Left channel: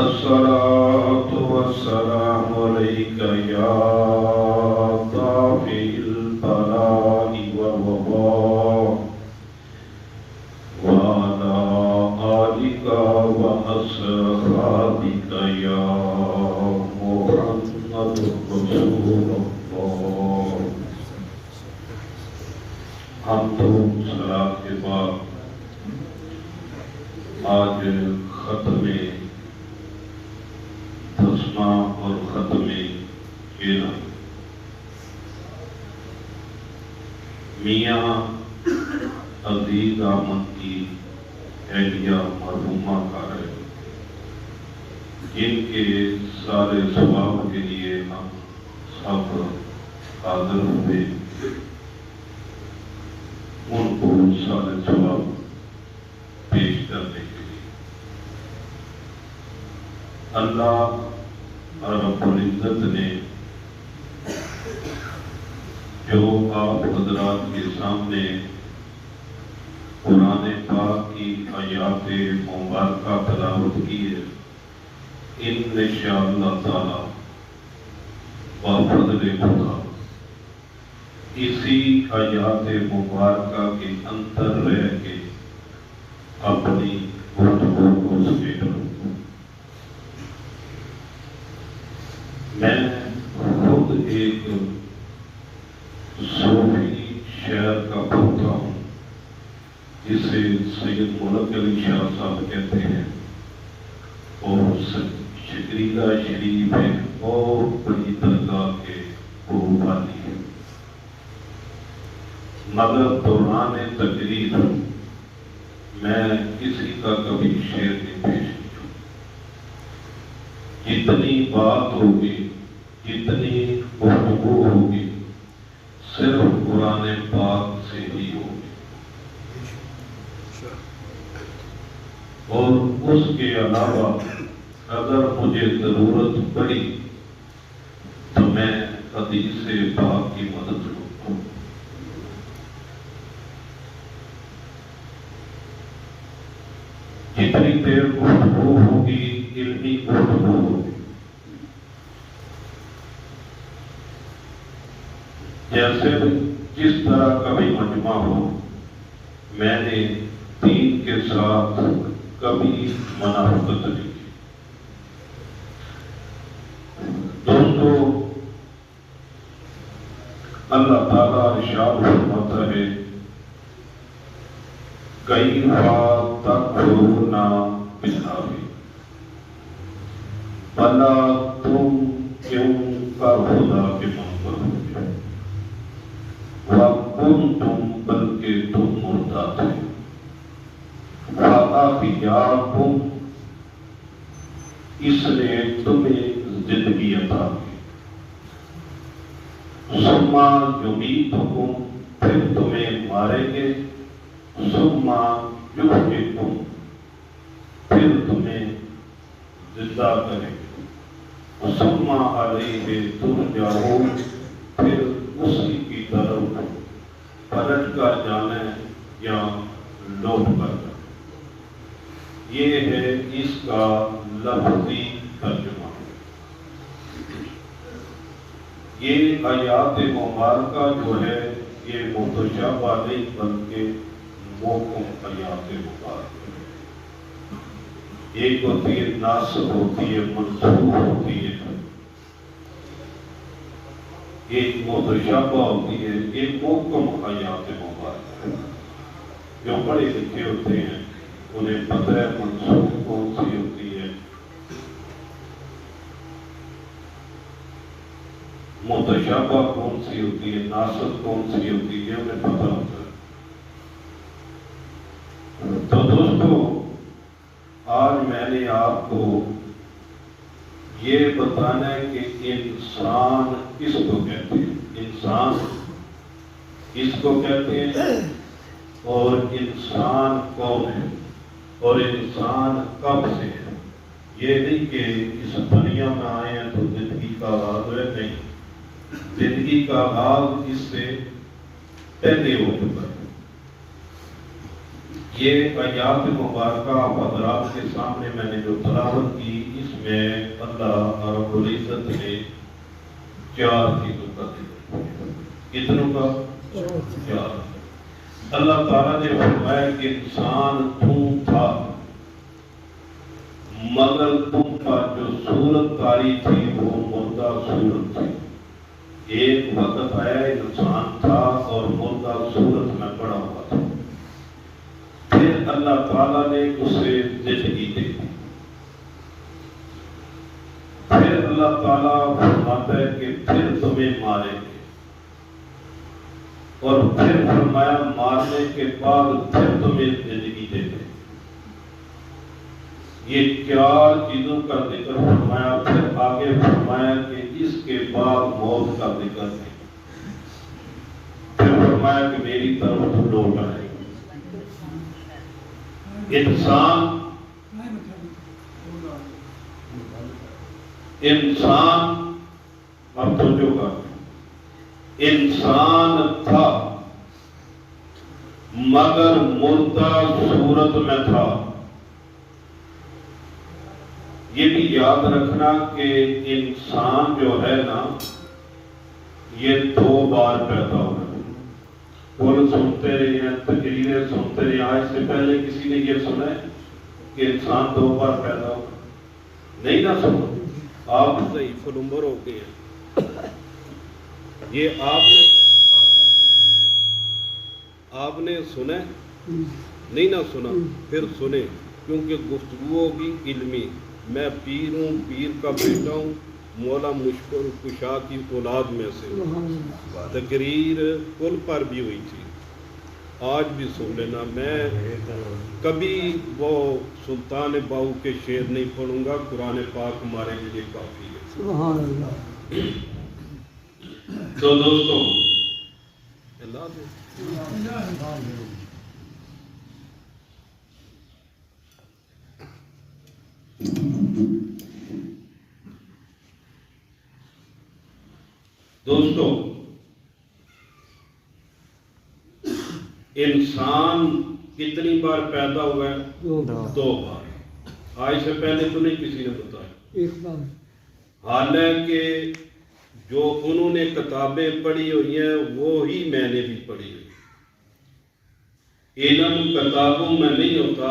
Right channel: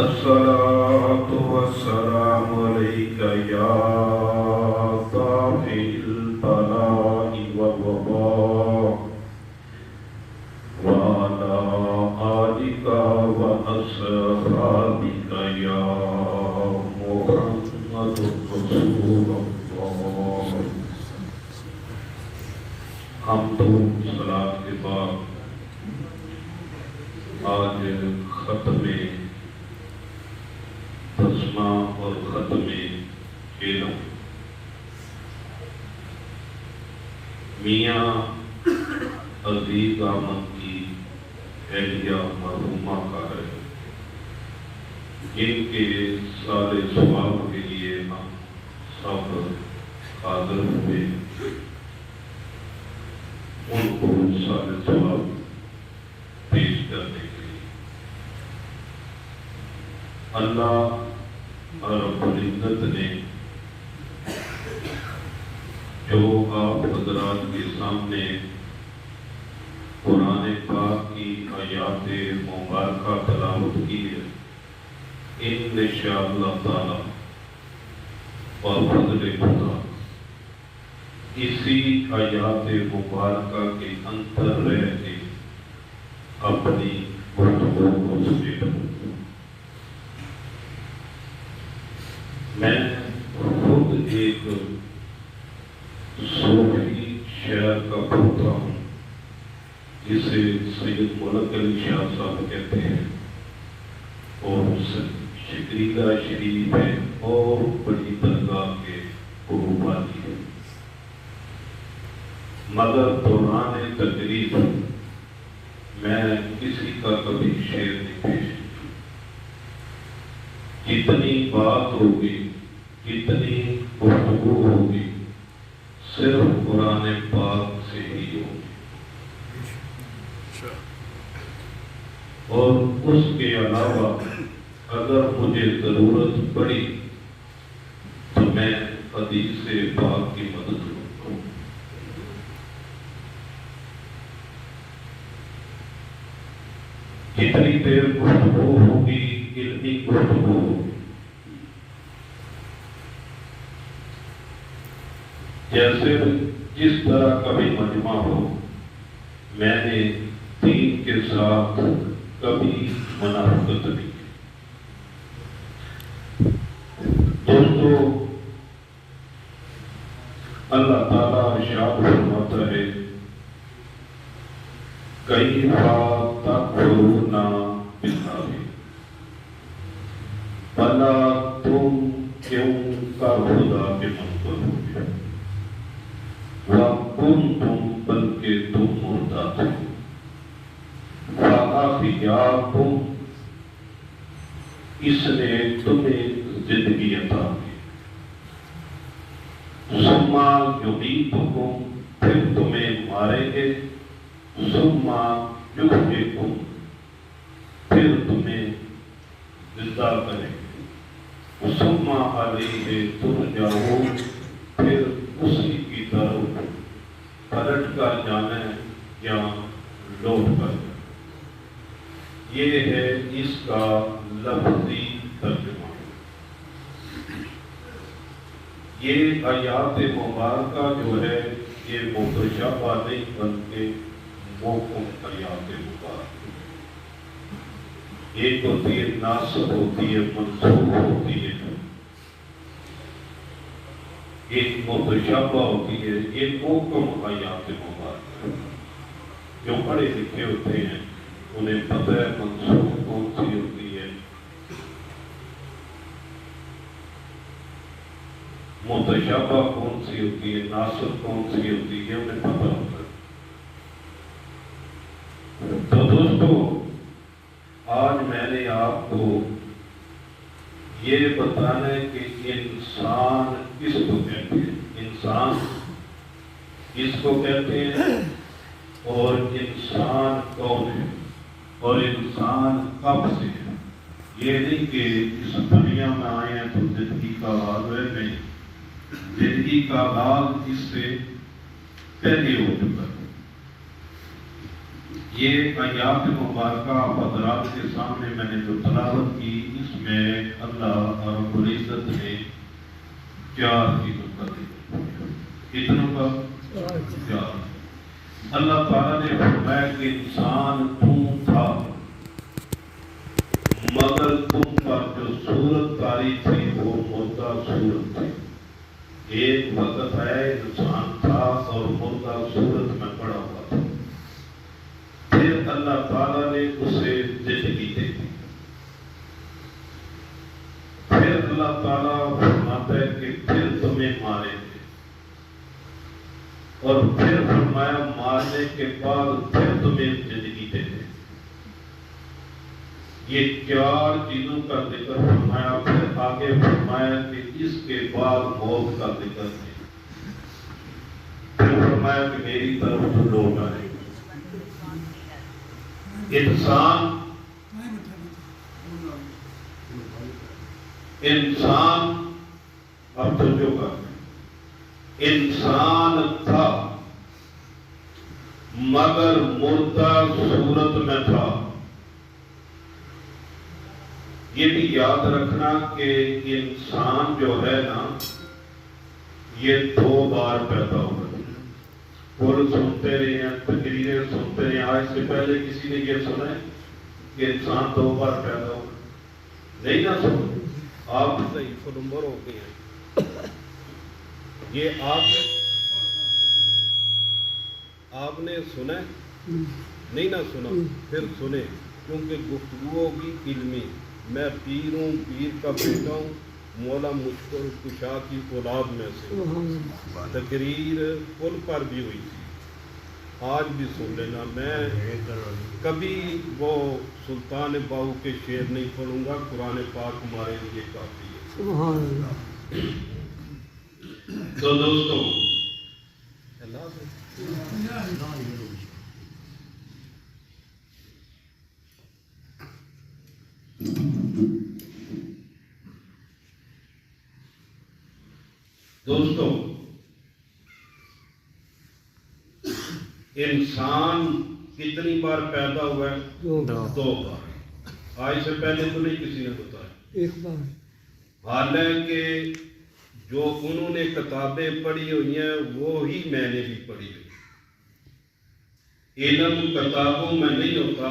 الصلاة والسلام عليك يا دافع البلاء والوباء وعلى آلك وأصحابك يا محمد رسول الله. حمد و صلاة کے بعد آج ختم تسمہ اور ختم کھیلا میاں عزیز احمد کی اہلیہ مرحومہ کا ہے، جن کے سارے ثواب کے لیے ہم سب حاضر ہوئے، ان کو سارے ثواب پیش کرنے کے لیے اللہ رب العزت نے جو آپ حضرات کے سامنے قرآن پاک کی آیات مبارکہ تلاوت کی ہے، انشاءاللہ تعالی بفضل خدا اسی آیات مبارکہ کے اندر رہ کے اپنی گفتگو کو سمیٹوں۔ میں خود ایک صوفی شہر کا پوتا ہوں جسے سید ملک علی شاہ صاحب کہتے ہیں، اور شکریہ شریف ہے اور بڑی درگاہ کے قربانی ہے، مگر دوران تقریر میں کسی کا کبھی شعر نہیں پیش کیا۔ جتنی بات ہوگی، جتنی گفتگو ہوگی، صرف قرآن پاک سے ہی ہوگی، اور اس کے علاوہ اگر مجھے ضرورت پڑی تو میں حدیث پاک کی مدد لوں گا۔ جتنی دیر گفتگو ہوگی، علمی گفتگو ہوگی، جیسے جس طرح کا بھی مجمع ہو، میں نے دین کے ساتھ کبھی منافقت نہیں کی۔ دوستو، اللہ تعالیٰ ارشاد فرماتا ہے، کیف تکفرون باللہ، بھلا تم کیوں کا خدا کے منکر ہو گئے، وَكُنْتُمْ بلکہ تم مرتد تھے، وَأَحْيَاكُمْ اس نے تمہیں زندگی عطا کی، ثُمَّ يُمِيتُكُمْ پھر تمہیں مارے گے، ثُمَّ يُحْيِيكُمْ پھر تمہیں زندہ کریں گے، ثُمَّ عَلَيْهِ تُرْجَعُونَ پھر اسی کی طرف پلٹ کر جانا یا لوٹ کر جانا۔ یہ ہے اس کا لفظی ترجمہ۔ یہ آیات مبارکہ جو ہے یہ متشابہ نہیں بلکہ محکم آیات مبارکہ، ایک ہوتی ہے ناسخ ہوتی ہے، منسوخ ہوتی ہے، ایک متشابہ ہوتی ہے، ایک محکم آیات مبارکہ۔ جو پڑھے لکھے ہوتے ہیں انہیں پتہ ہے منسوخ کون سی ہوتی ہے، متشابہ کون سی ہوتی ہے، ناسخ کون سی ہوتی ہے، انہیں پتہ ہوتا ہے۔ تو دوستو، آج میں نے آپ کو یہ بتانا ہے کہ انسان کس کو کہتے ہیں، انسان کس کو کہتے ہیں، اور انسان کون ہے، اور انسان کب سے ہے۔ یہ نہیں کہ اس دنیا میں آئے ہیں تو زندگی کا آغاز ہے، نہیں، زندگی کا آغاز اس سے پہلے ہو چکا ہے۔ یہ آیات مبارکہ آپ حضرات کے سامنے میں نے جو تلاوت کی، اس میں اللہ رب العزت نے 4 چیزوں کا ذکر کیا۔ کتنوں کا؟ 4۔ اللہ تعالیٰ نے فرمایا کہ انسان تم تھا، مگر تم پر جو صورت کاری تھی وہ مردہ صورت تھی۔ ایک وقت ہے انسان تھا اور مردہ صورت میں پڑا ہوا تھا، پھر اللہ تعالیٰ نے اسے زندگی دے دی۔ پھر اللہ تعالیٰ فرماتا ہے کہ پھر تمہیں ماریں گے، اور پھر فرمایا مارنے کے بعد پھر تمہیں زندگی دے دیں۔ یہ 4 چیزوں کا ذکر فرمایا، پھر آگے فرمایا کہ اس کے بعد موت کا ذکر ہے، پھر فرمایا کہ میری طرف تو لوگ آئیں گے۔ انسان اب تو جو انسان تھا مگر مردہ صورت میں تھا۔ یہ بھی یاد رکھنا کہ انسان جو ہے نا، یہ 2 بار پیدا ہوا ہے۔ بول سنتے رہے ہیں، تقریریں سنتے رہے ہیں، آج سے پہلے کسی نے یہ سنا ہے کہ انسان 2 بار پیدا ہوا؟ نہیں نہ سنا؟ آپ صحیح فل عمر ہو گئے، یہ آپ نے سنا نہیں نہ سنا؟ پھر سنیں، کیونکہ گفتگو بھی علمی۔ میں پیر ہوں، پیر کا بیٹا ہوں، مولا مشکل کشا کی اولاد میں سے۔ تقریر پل پر بھی ہوئی تھی، آج بھی سن لینا۔ میں کبھی وہ سلطان باہو کے شعر نہیں پڑھوں گا، قرآن پاک ہمارے لیے کافی ہے۔ سبحان اللہ۔ تو دوستوں، انسان کتنی بار پیدا ہوا ہے؟ 2 بار۔ آج سے پہلے تو نہیں کسی نے بتایا، 1 بار۔ حالانکہ جو انہوں نے کتابیں پڑھی ہوئی ہیں وہی میں نے بھی پڑھی ہوئی۔ علم کتابوں میں نہیں ہوتا،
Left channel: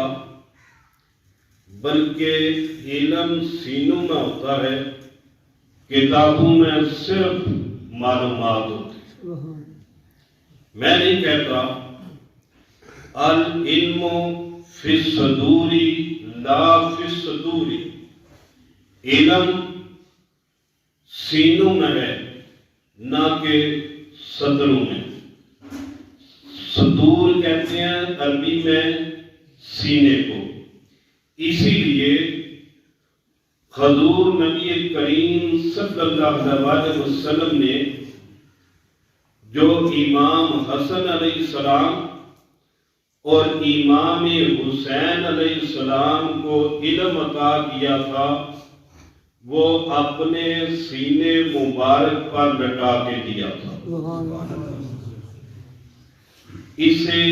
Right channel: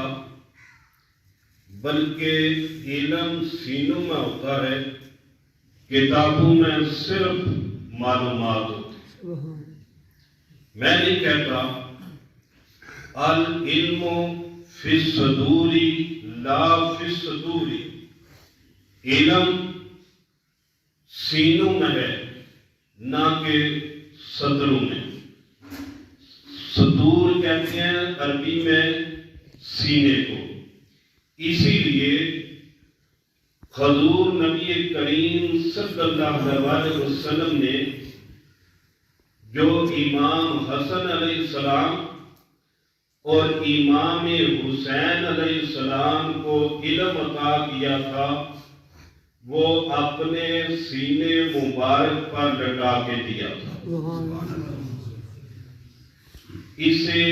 بلکہ علم سینوں میں ہوتا ہے۔ کتابوں میں صرف معلومات ہوتی ہیں۔ میں نہیں کہتا العلم فی الصدور لا فی الصدور، علم سینوں میں ہے نہ کہ صدروں میں۔ صدور کہتے ہیں عربی میں سینے کو۔ اسی لیے حضور نبی کریم صلی اللہ علیہ وسلم نے جو امام حسن علیہ السلام اور امام حسین علیہ السلام کو علم عطا کیا تھا، وہ اپنے سینے مبارک پر لٹا کے دیا تھا۔ اسے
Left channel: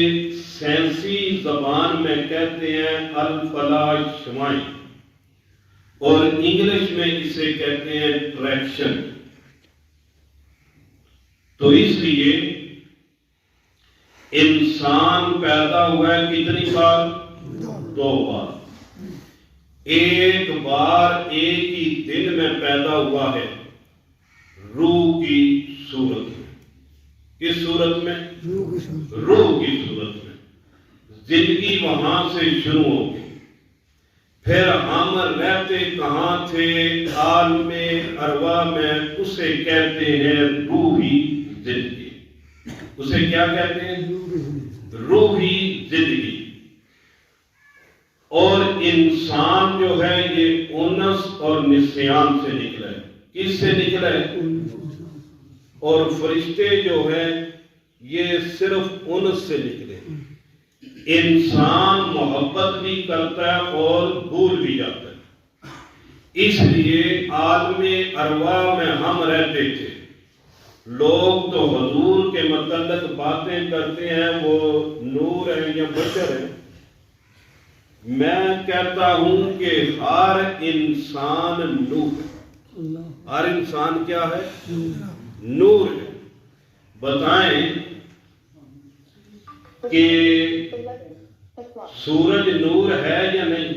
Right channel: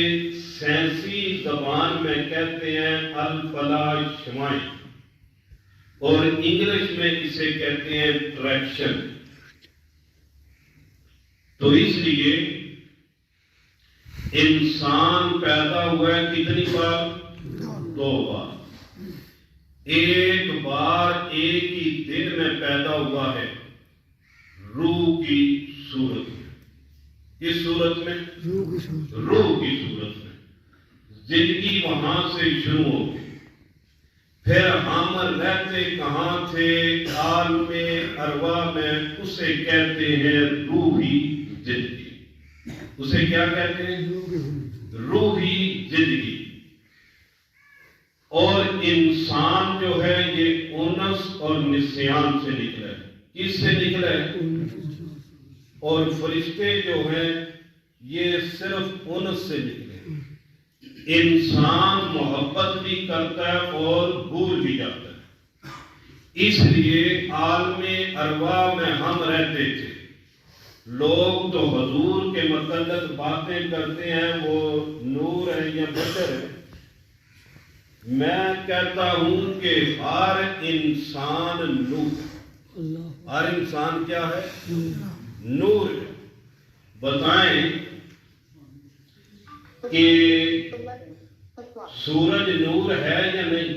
سائنسی زبان میں کہتے ہیں الفلاش شمائیں، اور انگلش میں اسے کہتے ہیں ٹریکشن۔ تو اس لیے انسان پیدا ہوا ہے کتنی بار؟ 2 بار۔ ایک بار ایک ہی دن میں پیدا ہوا ہے، روح کی صورت میں۔ کس صورت میں؟ روح کی صورت میں۔ زندگی وہاں سے شروع ہو گئی۔ پھر ہم رہتے کہاں تھے؟ عالم ارواح میں۔ اسے کہتے ہیں روحی زندگی۔ اسے کیا کہتے ہیں؟ روحی زندگی۔ اور انسان جو ہے یہ انس اور نسیان سے نکلا ہے۔ کس سے نکلا ہے؟ اور فرشتے جو ہیں یہ صرف انس سے نکلے۔ انسان محبت بھی کرتا ہے اور بھول بھی جاتا ہے۔ اس لیے عالم ارواح میں ہم رہتے تھے، لوگ تو حضور کے متعلق باتیں کرتے ہیں وہ نور ہے یا بشر ہے. میں کہتا ہوں کہ ہر انسان نور، ہر انسان کیا ہے؟ نور ہے. بتائیں کہ سورج نور ہے یا نہیں؟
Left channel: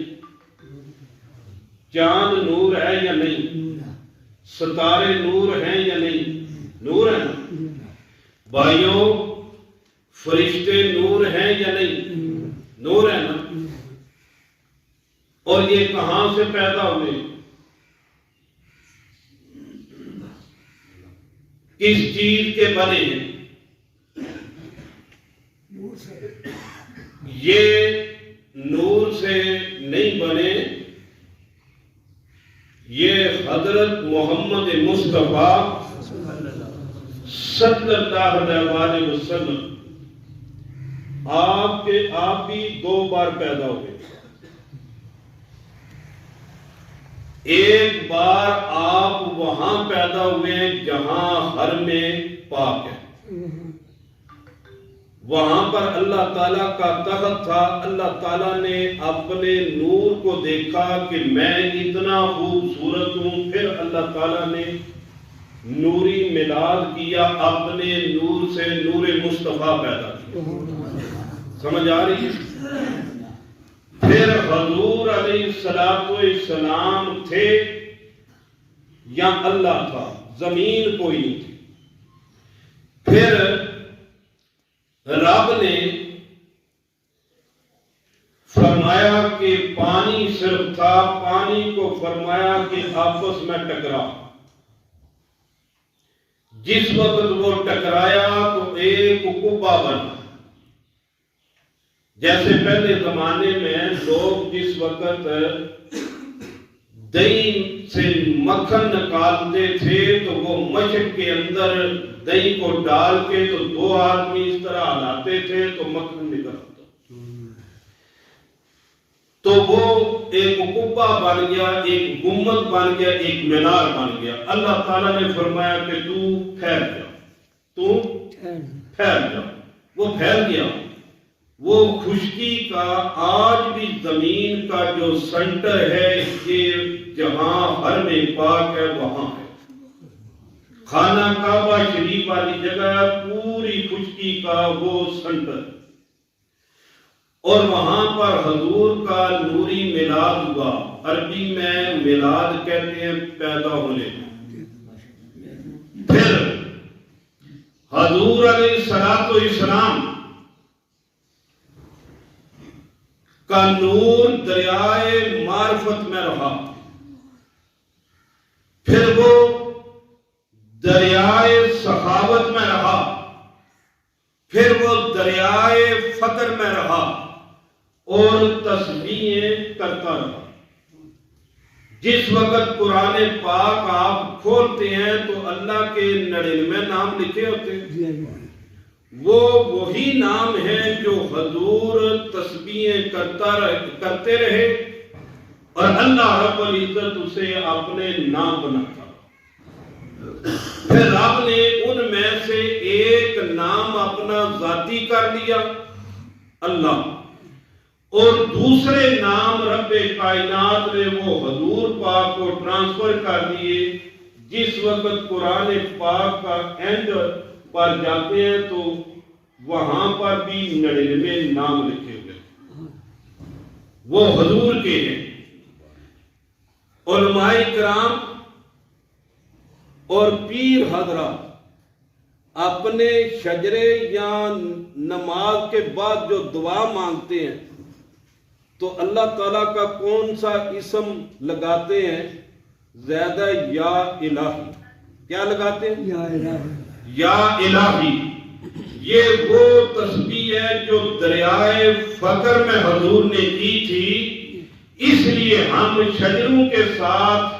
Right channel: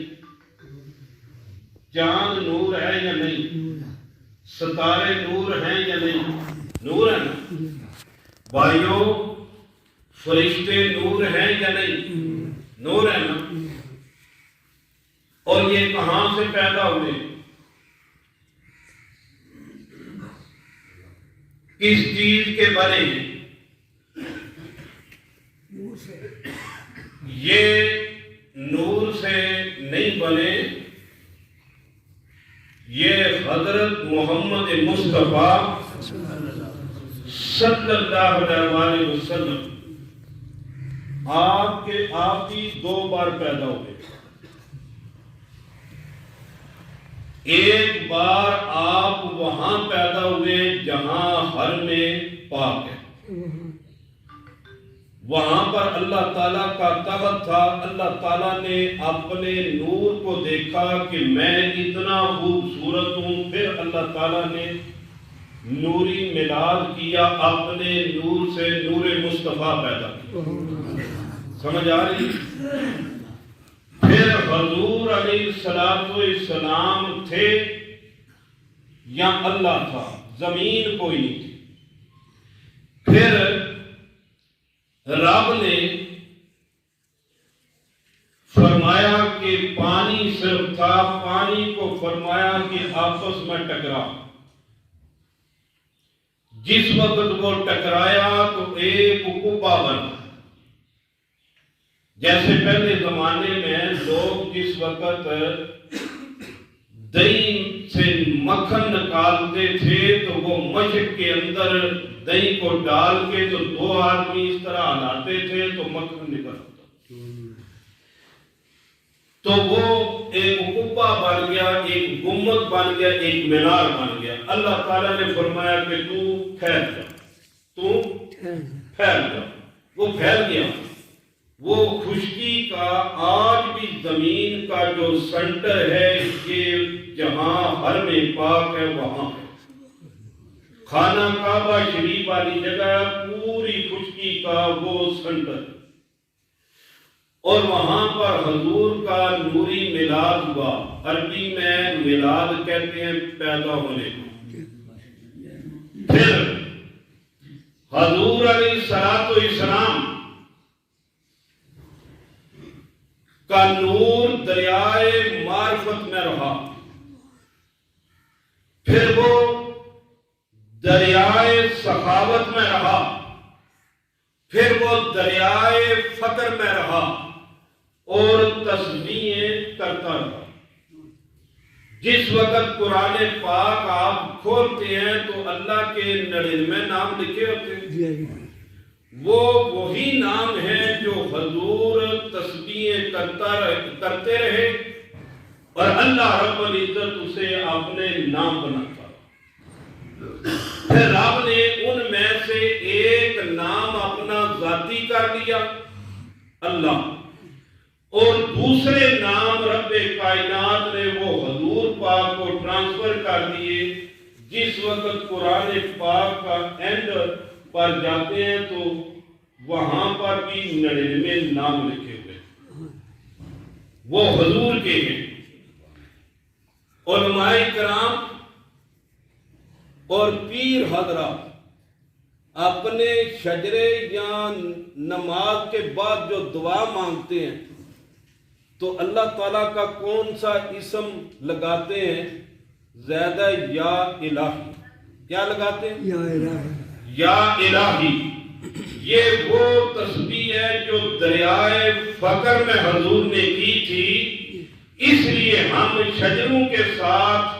چاند نور ہے یا نہیں؟ ستارے نور ہیں یا نہیں؟ نور ہے نا. بھائیوں فرشتے نور ہیں یا نہیں؟ نور ہے نا. اور یہ کہاں سے پیدا ہوئے؟ کس چیز کے بنے ہیں؟ یہ نور سے نہیں بنے، یہ حضرت محمد مصطفیٰ صلی اللہ علیہ وسلم آپ ہی 2 بار پیدا ہوئے. ایک بار آپ وہاں پیدا ہوئے جہاں حرم پاک ہے، وہاں پر اللہ تعالیٰ کا تخت تھا. اللہ تعالیٰ نے اپنے نور کو دیکھا کہ میں اتنا خوبصورت ہوں. پھر اللہ تعالیٰ نے نوری میلاد کیا، اپنے نور سے نور مصطفیٰ پیدا کیا. سمجھ آ رہی؟ پھر حضور علیہ السلام تھے یا اللہ تھا؟ زمین کوئی نہیں تھی. پھر رب نے فرمایا کہ پانی صرف تھا، پانی کو فرمایا کہ آپس میں ٹکرا. جس وقت وہ ٹکرایا تو ایک کعبہ بنا. جیسے پہلے زمانے میں لوگ جس وقت دہی سے مکھن نکالتے تھے تو وہ مشق کے اندر دہی کو ڈال کے تو 2 آدمی اس طرح ہلاتے تھے تو مکھن نکلتا. تو وہ ایک کعبہ بن گیا، ایک گنبد بن گیا، ایک مینار بن گیا. اللہ تعالیٰ نے فرمایا کہ تو پھیل جا، تو پھیل جا. وہ پھیل گیا. وہ خشکی کا آج بھی زمین کا جو سنٹر ہے کہ جہاں حرم پاک ہے وہاں ہے. خانہ کعبہ شریف والی جگہ پوری خشکی کا وہ سنٹر، اور وہاں پر حضور کا نوری میلاد ہوا. عربی میں میلاد کہتے ہیں پیدا ہونے. پھر حضور علیہ السلام کا نور دریائے معرفت میں رہا. پھر وہ دریائے سخاوت میں رہا. پھر وہ دریائے فقر میں رہا اور تسبیحیں کرتا رہا. جس وقت قرآن پاک آپ کھولتے ہیں تو اللہ کے 99 نام لکھے ہوتے ہیں. وہ وہی نام ہے جو حضور تسبیحیں کرتے رہے اور اللہ رب العزت اسے اپنے نام بناتا. پھر رب نے ان میں سے ایک نام اپنا ذاتی کر لیا اللہ، اور دوسرے نام رب کائنات نے وہ حضور پاک کو ٹرانسفر کر دیے. جس وقت قرآن پاک کا اینڈ پر جاتے ہیں تو وہاں پر بھی 99 نام لکھے ہوئے وہ حضور کے ہیں. علماء کرام اور پیر حضرات اپنے شجرے یا نماز کے بعد جو دعا مانگتے ہیں تو اللہ تعالیٰ کا کون سا اسم لگاتے ہیں؟ زیادہ یا الہی. کیا لگاتے ہیں؟ یا الہی. یا الہی. یہ وہ تسبیح ہے جو دریائے فقر میں حضور نے کی تھی. اس لیے ہم شجروں کے ساتھ،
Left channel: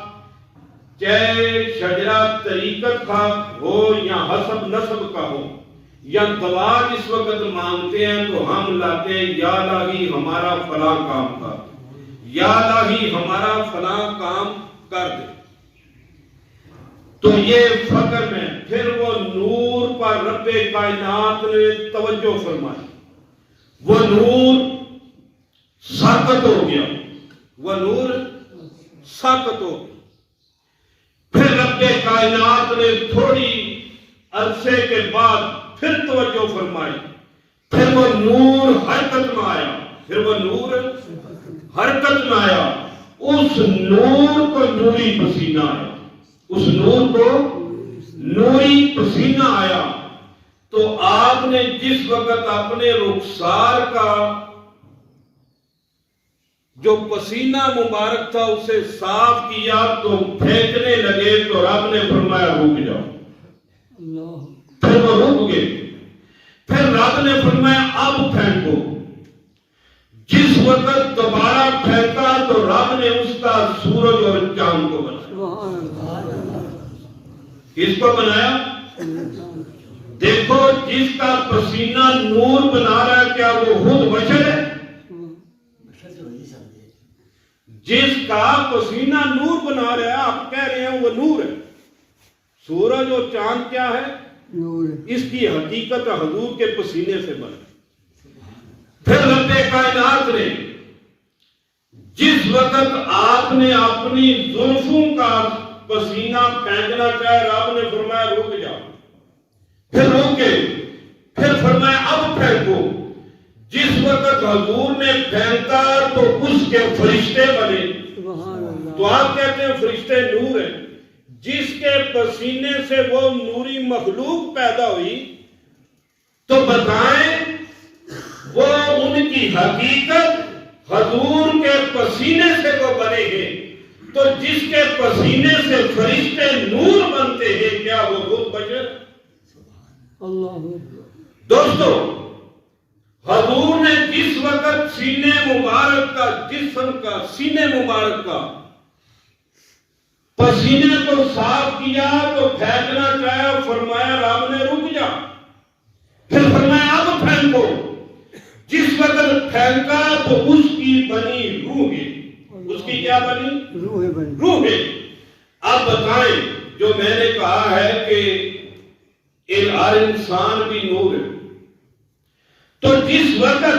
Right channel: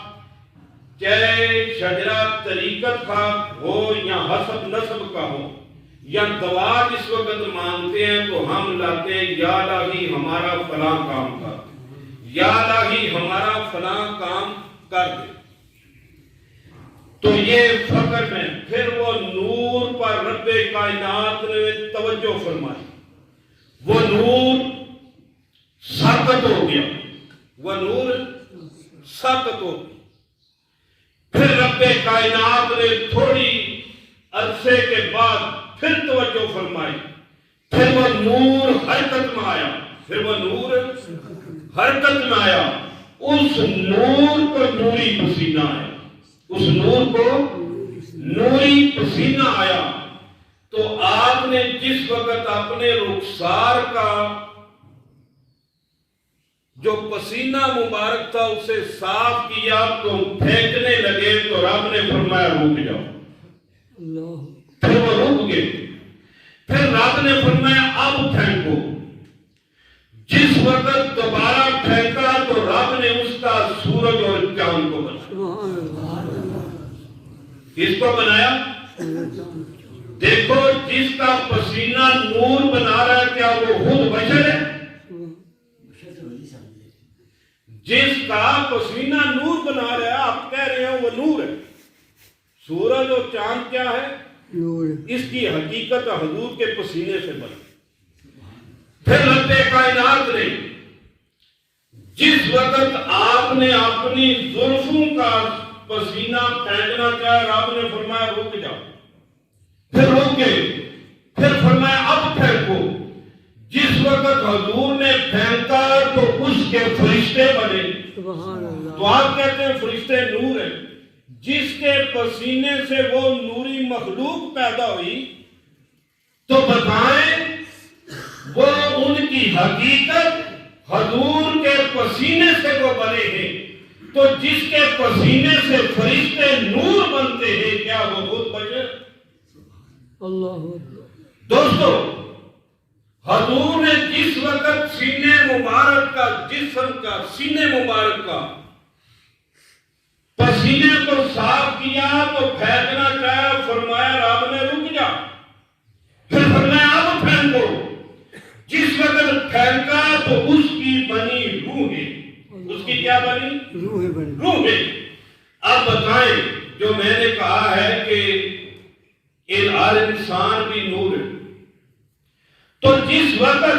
چاہے شجرہ طریقت کا ہو یا حسب نسب کا ہو یا دعا جس وقت مانگتے ہیں تو ہم لاتے ہیں یا الہی ہمارا فلاں کام کر، یا الہی ہمارا فلاں کام کر دے. تو یہ فقر میں. پھر وہ نور رب کائنات نے توجہ فرمائی، وہ نور ساکت ہو گیا، وہ نور ساکت ہو گیا۔ پھر رب کائنات نے تھوڑی عرصے کے بعد پھر توجہ فرمائی، پھر وہ نور حرکت میں آیا، پھر وہ نور حرکت میں آیا، اس نور کو نوری پسینہ آیا، اس نور کو نوری پسینہ آیا۔ تو آپ نے جس وقت اپنے رخسار کا جو پسینہ مبارک تھا اسے صاف کیا تو پھینکنے لگے تو رب نے فرمایا رک جاؤ، پھر وہ رک گئے، پھر رب نے فرمایا اب پھینکو۔ جس وقت دوبارہ پھینکا تو رب نے اس کا سورج اور چاند کو بنایا۔ کس کو بنایا؟ دیکھو جس کا پسینہ نور بنا رہا ہے کیا وہ خود بشر ہے؟ جس کا پسینہ نور بنا رہا ہے آپ کہہ رہے ہیں وہ نور ہے۔ سورج اور چاند کیا ہے؟ نور۔ اس کی حقیقت حضور کے پسینے سے بنی۔ پھر رب کائنات نے جس وقت آپ نے اپنی زلفوں کا پسینہ پھینکنا چاہے رب نے فرمایا رک جاؤ، پھر روکے، پھر فرمایا اب پھینکو۔ جس وقت حضور نے پھینکا تو اس کے فرشتے بنے۔ تو آپ کہتے ہیں فرشتے نور ہیں، جس کے پسینے سے وہ نوری مخلوق پیدا ہوئی، تو بتائیں وہ ان کی حقیقت حضور کے پسینے سے وہ بنے ہیں۔ تو جس کے پسینے سے فرشتے نور بنتے ہیں کیا وہ خود بشر؟ اللہ دوستو، حضور نے جس وقت سینے مبارک کا جسم کا سینے مبارک کا پسینے کو صاف کیا تو پھینکنا چاہے، فرمایا رب نے رک جا، پھر فرمایا اب پھینکو۔ جس وقت پھینکا تو اس کی بنی روحیں، اس کی کیا بنی؟ روحیں۔ اب بتائیں جو میں نے کہا ہے کہ ہر انسان بھی نور ہے، تو جس وقت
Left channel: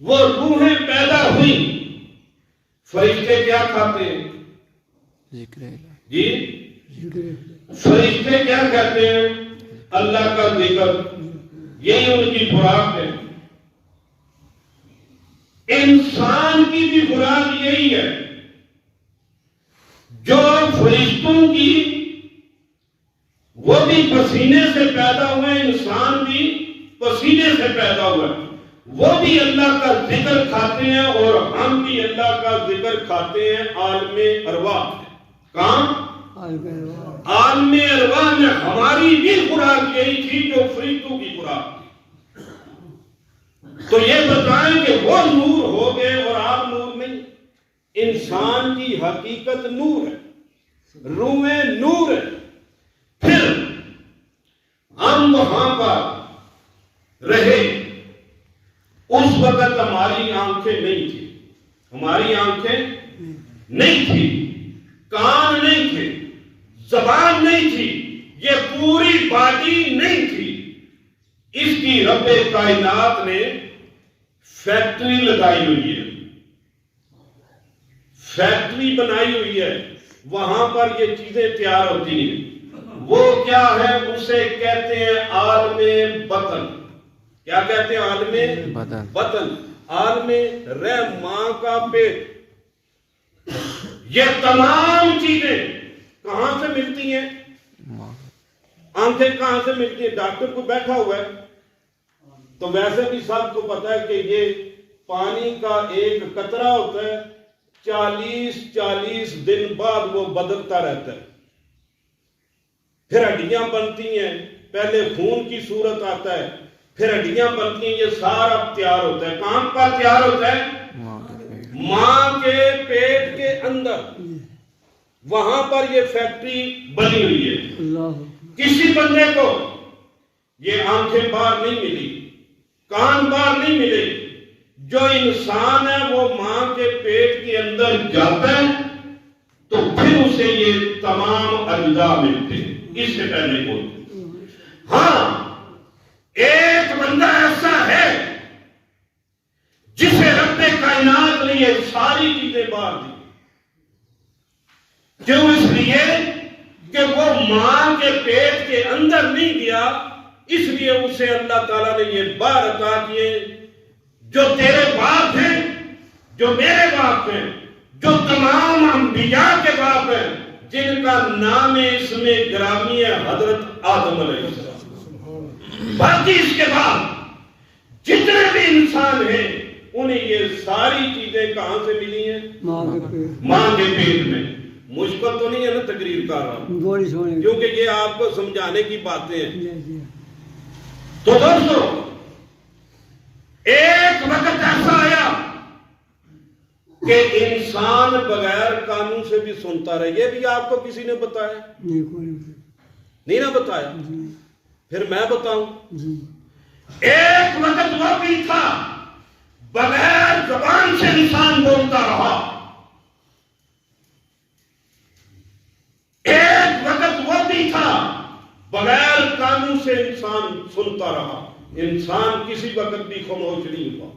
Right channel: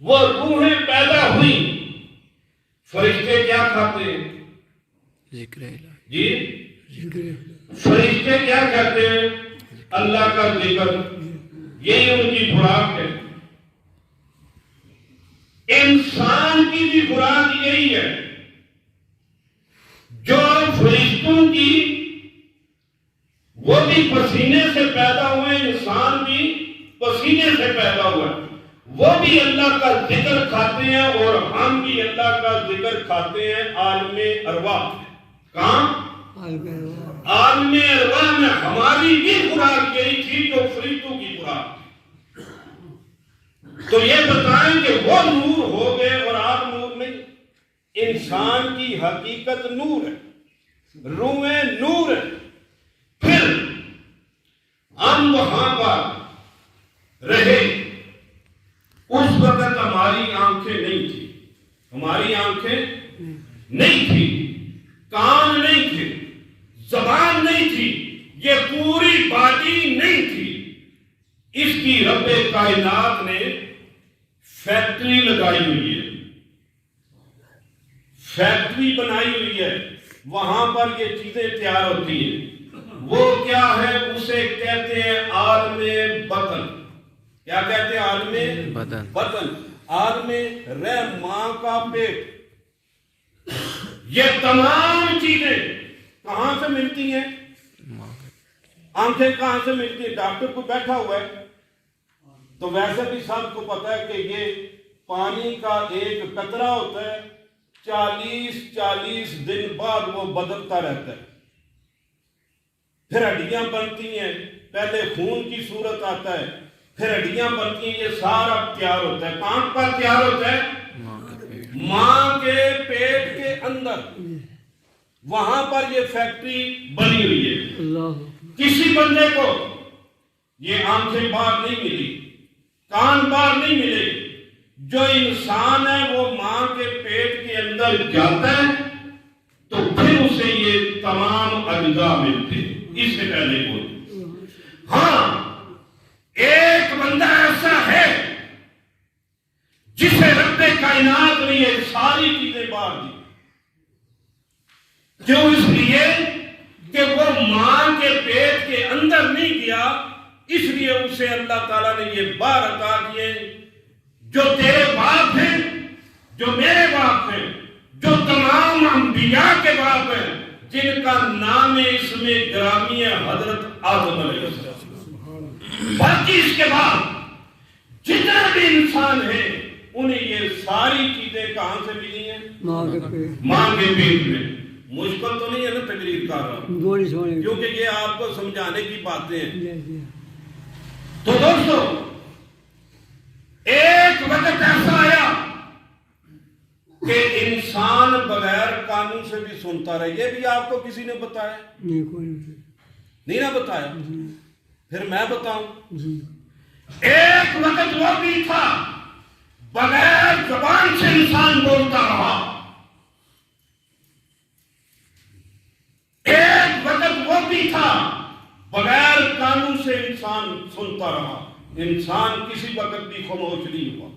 وہ روحیں پیدا ہوئی فرشتے کیا کھاتے ہیں؟ ذکر جی فرشتے کیا کہتے ہیں؟ اللہ کا ذکر، یہی ان کی خوراک ہے۔ انسان کی بھی خوراک یہی ہے، جو فرشتوں کی وہ بھی پسینے سے پیدا ہوئے، انسان بھی پسینے سے پیدا ہوئے، وہ بھی اللہ کا ذکر کھاتے ہیں اور ہم بھی اللہ کا ذکر کھاتے ہیں عالم ارواح میں۔ کہاں؟ عالم ارواح میں ہماری بھی خوراک یہی تھی جو فرشتوں کی خوراک تھی۔ تو یہ بتائیں کہ وہ نور ہو گئے اور آپ نور نہیں۔ انسان کی حقیقت نور ہے، روحیں نور ہے۔ پھر ہم وہاں پر رہے، اس وقت ہماری آنکھیں نہیں تھی، ہماری آنکھیں نہیں تھی، کان نہیں تھے، زبان نہیں تھی، یہ پوری باڈی نہیں تھی۔ اس کی رب کائنات نے فیکٹری لگائی ہوئی ہے، فیکٹری بنائی ہوئی ہے، وہاں پر یہ چیزیں تیار ہوتی ہیں۔ وہ کیا ہے؟ اسے کہتے ہیں عالم بطن۔ کیا کہتے ہیں؟ عالم بطن، عالم رحم، ماں کا پیٹ۔ یہ تمام چیزیں کہاں سے ملتی ہیں؟ آنکھیں کہاں سے ملتی ہیں؟ ڈاکٹر کو بیٹھا ہوا ہے تو ویسے بھی سب کو پتا ہے کہ یہ پانی کا ایک قطرہ ہوتا ہے، 40 دن بعد وہ بدلتا رہتا ہے، پھر ہڈیاں بنتی ہیں، پہلے خون کی صورت آتا ہے، پھر ہڈیاں بنتی ہیں، یہ سارا تیار ہوتا ہے۔ کہاں پر تیار ہوتا ہے؟ ماں کے پیٹ کے اندر، وہاں پر یہ فیکٹری بنی ہوئی ہے۔ کسی بندے کو یہ آنکھیں باہر نہیں ملی، کان باہر نہیں ملے، جو انسان ہے وہ ماں کے پیٹ کے اندر جاتا ہے تو پھر اسے یہ تمام اجزاء ملتے ہیں، اس سے پہلے کوئی۔ ہاں ایک بندہ ایسا ہے جسے رب کائنات نے یہ ساری چیزیں بار دی. کیوں؟ اس لیے کہ وہ ماں کے پیٹ کے اندر نہیں گیا، اس لیے اسے اللہ تعالیٰ نے یہ بار عطا کیے. جو تیرے باپ ہیں، جو میرے باپ ہیں، جو تمام انبیاء کے باپ ہیں، جن کا نام اسم گرامی ہے حضرت آدم علیہ السلام. باقی اس کے بعد جتنے بھی انسان ہیں انہیں یہ ساری چیزیں کہاں سے ملی ہیں؟ ماں کے پیٹ میں. مشکل تو نہیں ہے نا تقریر کر رہا ہوں، کیونکہ یہ آپ کو سمجھانے کی باتیں ہیں. تو دوستو ایک وقت ایسا آیا کہ انسان بغیر کانوں سے بھی سنتا رہے. یہ بھی آپ کو کسی نے بتایا؟ نہیں نا بتایا. پھر میں بتاؤں. ایک وقت وہ بھی تھا بغیر زبان سے انسان بولتا رہا. ایک وقت وہ بھی تھا بغیر کانوں سے انسان سنتا رہا. انسان کسی وقت بھی خاموش نہیں ہوا.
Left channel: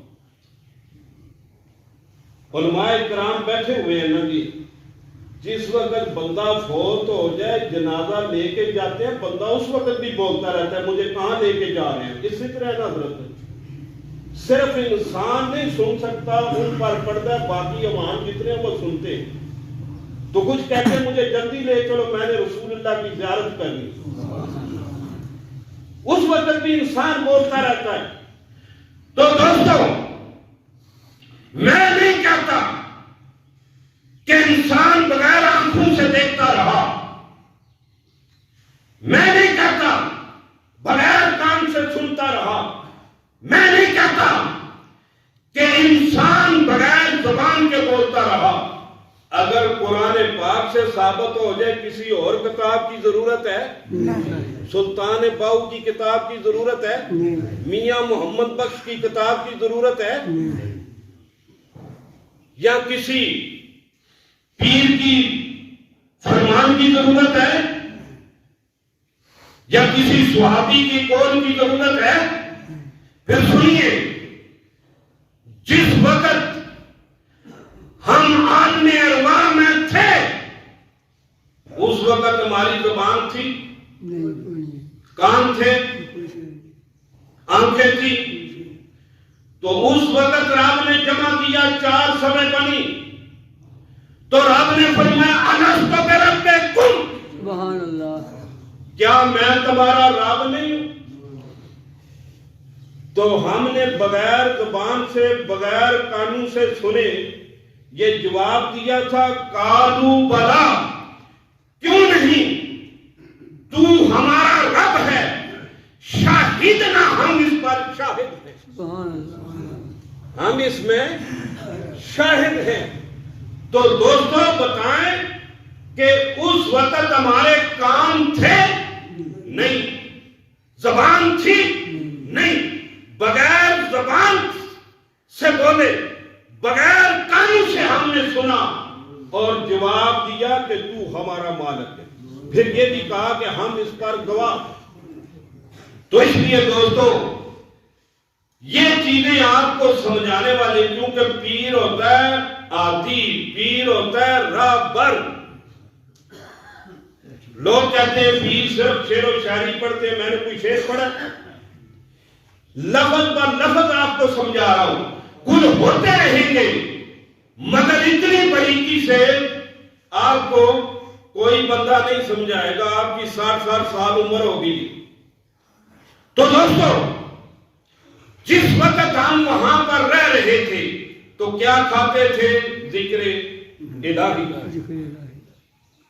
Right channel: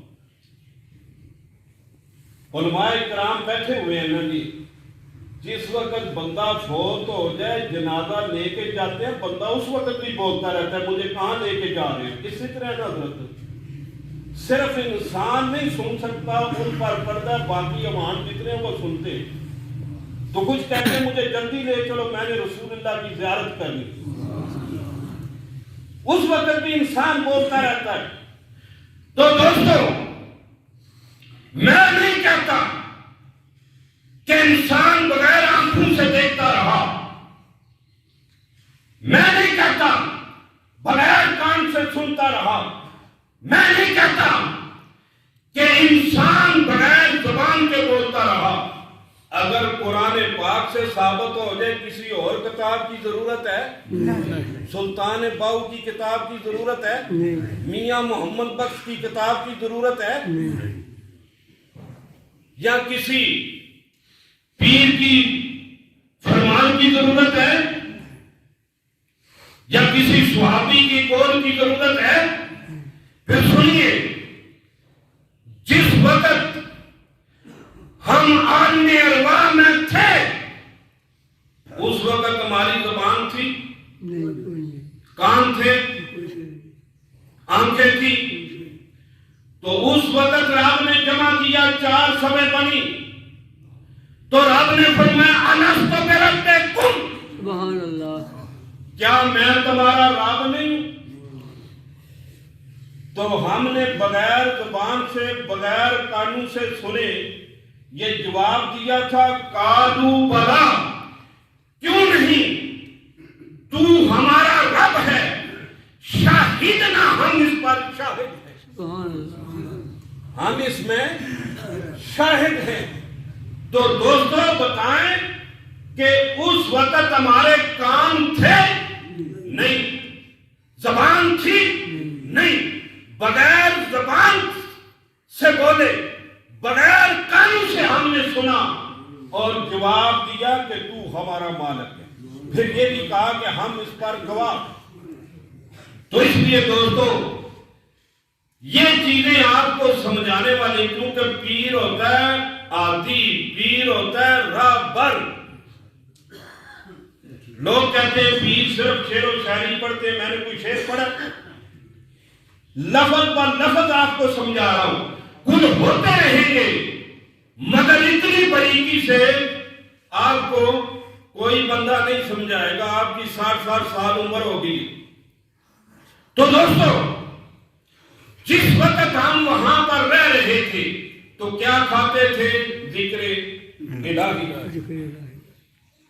علماء کرام بیٹھے ہوئے ہیں نا جی. جس وقت بندہ فوت ہو جائے جنازہ لے کے جاتے ہیں، بندہ اس وقت بھی بولتا رہتا ہے مجھے کہاں لے کے جا رہے ہیں. اسی طرح نا حضرت صرف انسان نہیں سن سکتا، ان پر پڑتا ہے، باقی عوام جتنے ہیں وہ سنتے ہیں. تو کچھ کہتے ہیں مجھے جلدی لے چلو میں نے رسول اللہ کی زیارت کرنی. اس وقت بھی انسان بولتا رہتا ہے. تو دوستو میں نہیں کہتا کہ انسان بغیر آنکھوں سے دیکھتا رہا. میں نہیں کہتا بغیر کان سے سنتا رہا. میں نہیں کہتا کہ انسان بغیر زبان کے بولتا رہا. اگر قرآن پاک سے ثابت ہو جائے کسی اور کتاب کی ضرورت ہے؟ سلطان باؤ کی کتاب کی ضرورت ہے؟ میاں محمد بخش کی کتاب کی ضرورت ہے؟ یا کسی پیر کی فرمان کی ضرورت ہے؟ یا کسی صحابی کی قول کی ضرورت ہے؟ پھر سنیے، جس وقت ہم عالم ارواح میں تھے اس وقت ہماری زبان تھی، کان تھے، آنکھیں تھی. تو اس وقت رب نے جمع کیا، 4 سبیں بنی. تو رب نے فرمایا الست بربکم، سبحان اللہ، کیا میں تمہارا رب نہیں ہوں؟ تو ہم نے بغیر زبان سے بغیر کانوں سے سنے یہ جواب دیا تھا قالو بلا، کیوں نہیں، تو ہمارا رب ہے، شاہدنا، ہم اس پر شاہد ہیں، ہم اس میں شاہد ہیں. تو دوستو بتائیں کہ اس وقت ہمارے کان تھے؟ نہیں. زبان تھی؟ نہیں. بغیر زبان سے بولے، بغیر کانوں سے ہم نے سنا اور جواب دیا کہ تو ہمارا مالک ہے. پھر یہ بھی کہا کہ ہم اس پر گواہ. تو اس لیے دوستو یہ چیزیں آپ کو سمجھانے والے، کیونکہ پیر ہوتا ہے عادی، پیر ہوتا ہے راہبر. لوگ کہتے ہیں پیر صرف شعر و شاعری پڑھتے ہیں. میں نے کوئی شعر پڑھا؟ لفظ پر لفظ آپ کو سمجھا رہا ہوں. کل ہوتے رہیں گے مگر اتنی باریکی سے آپ کو کوئی بندہ نہیں سمجھائے گا. آپ کی 60 سال عمر ہوگی. تو دوستو جس وقت ہم وہاں پر رہ رہے تھے تو کیا کھاتے تھے؟ ذکر الہی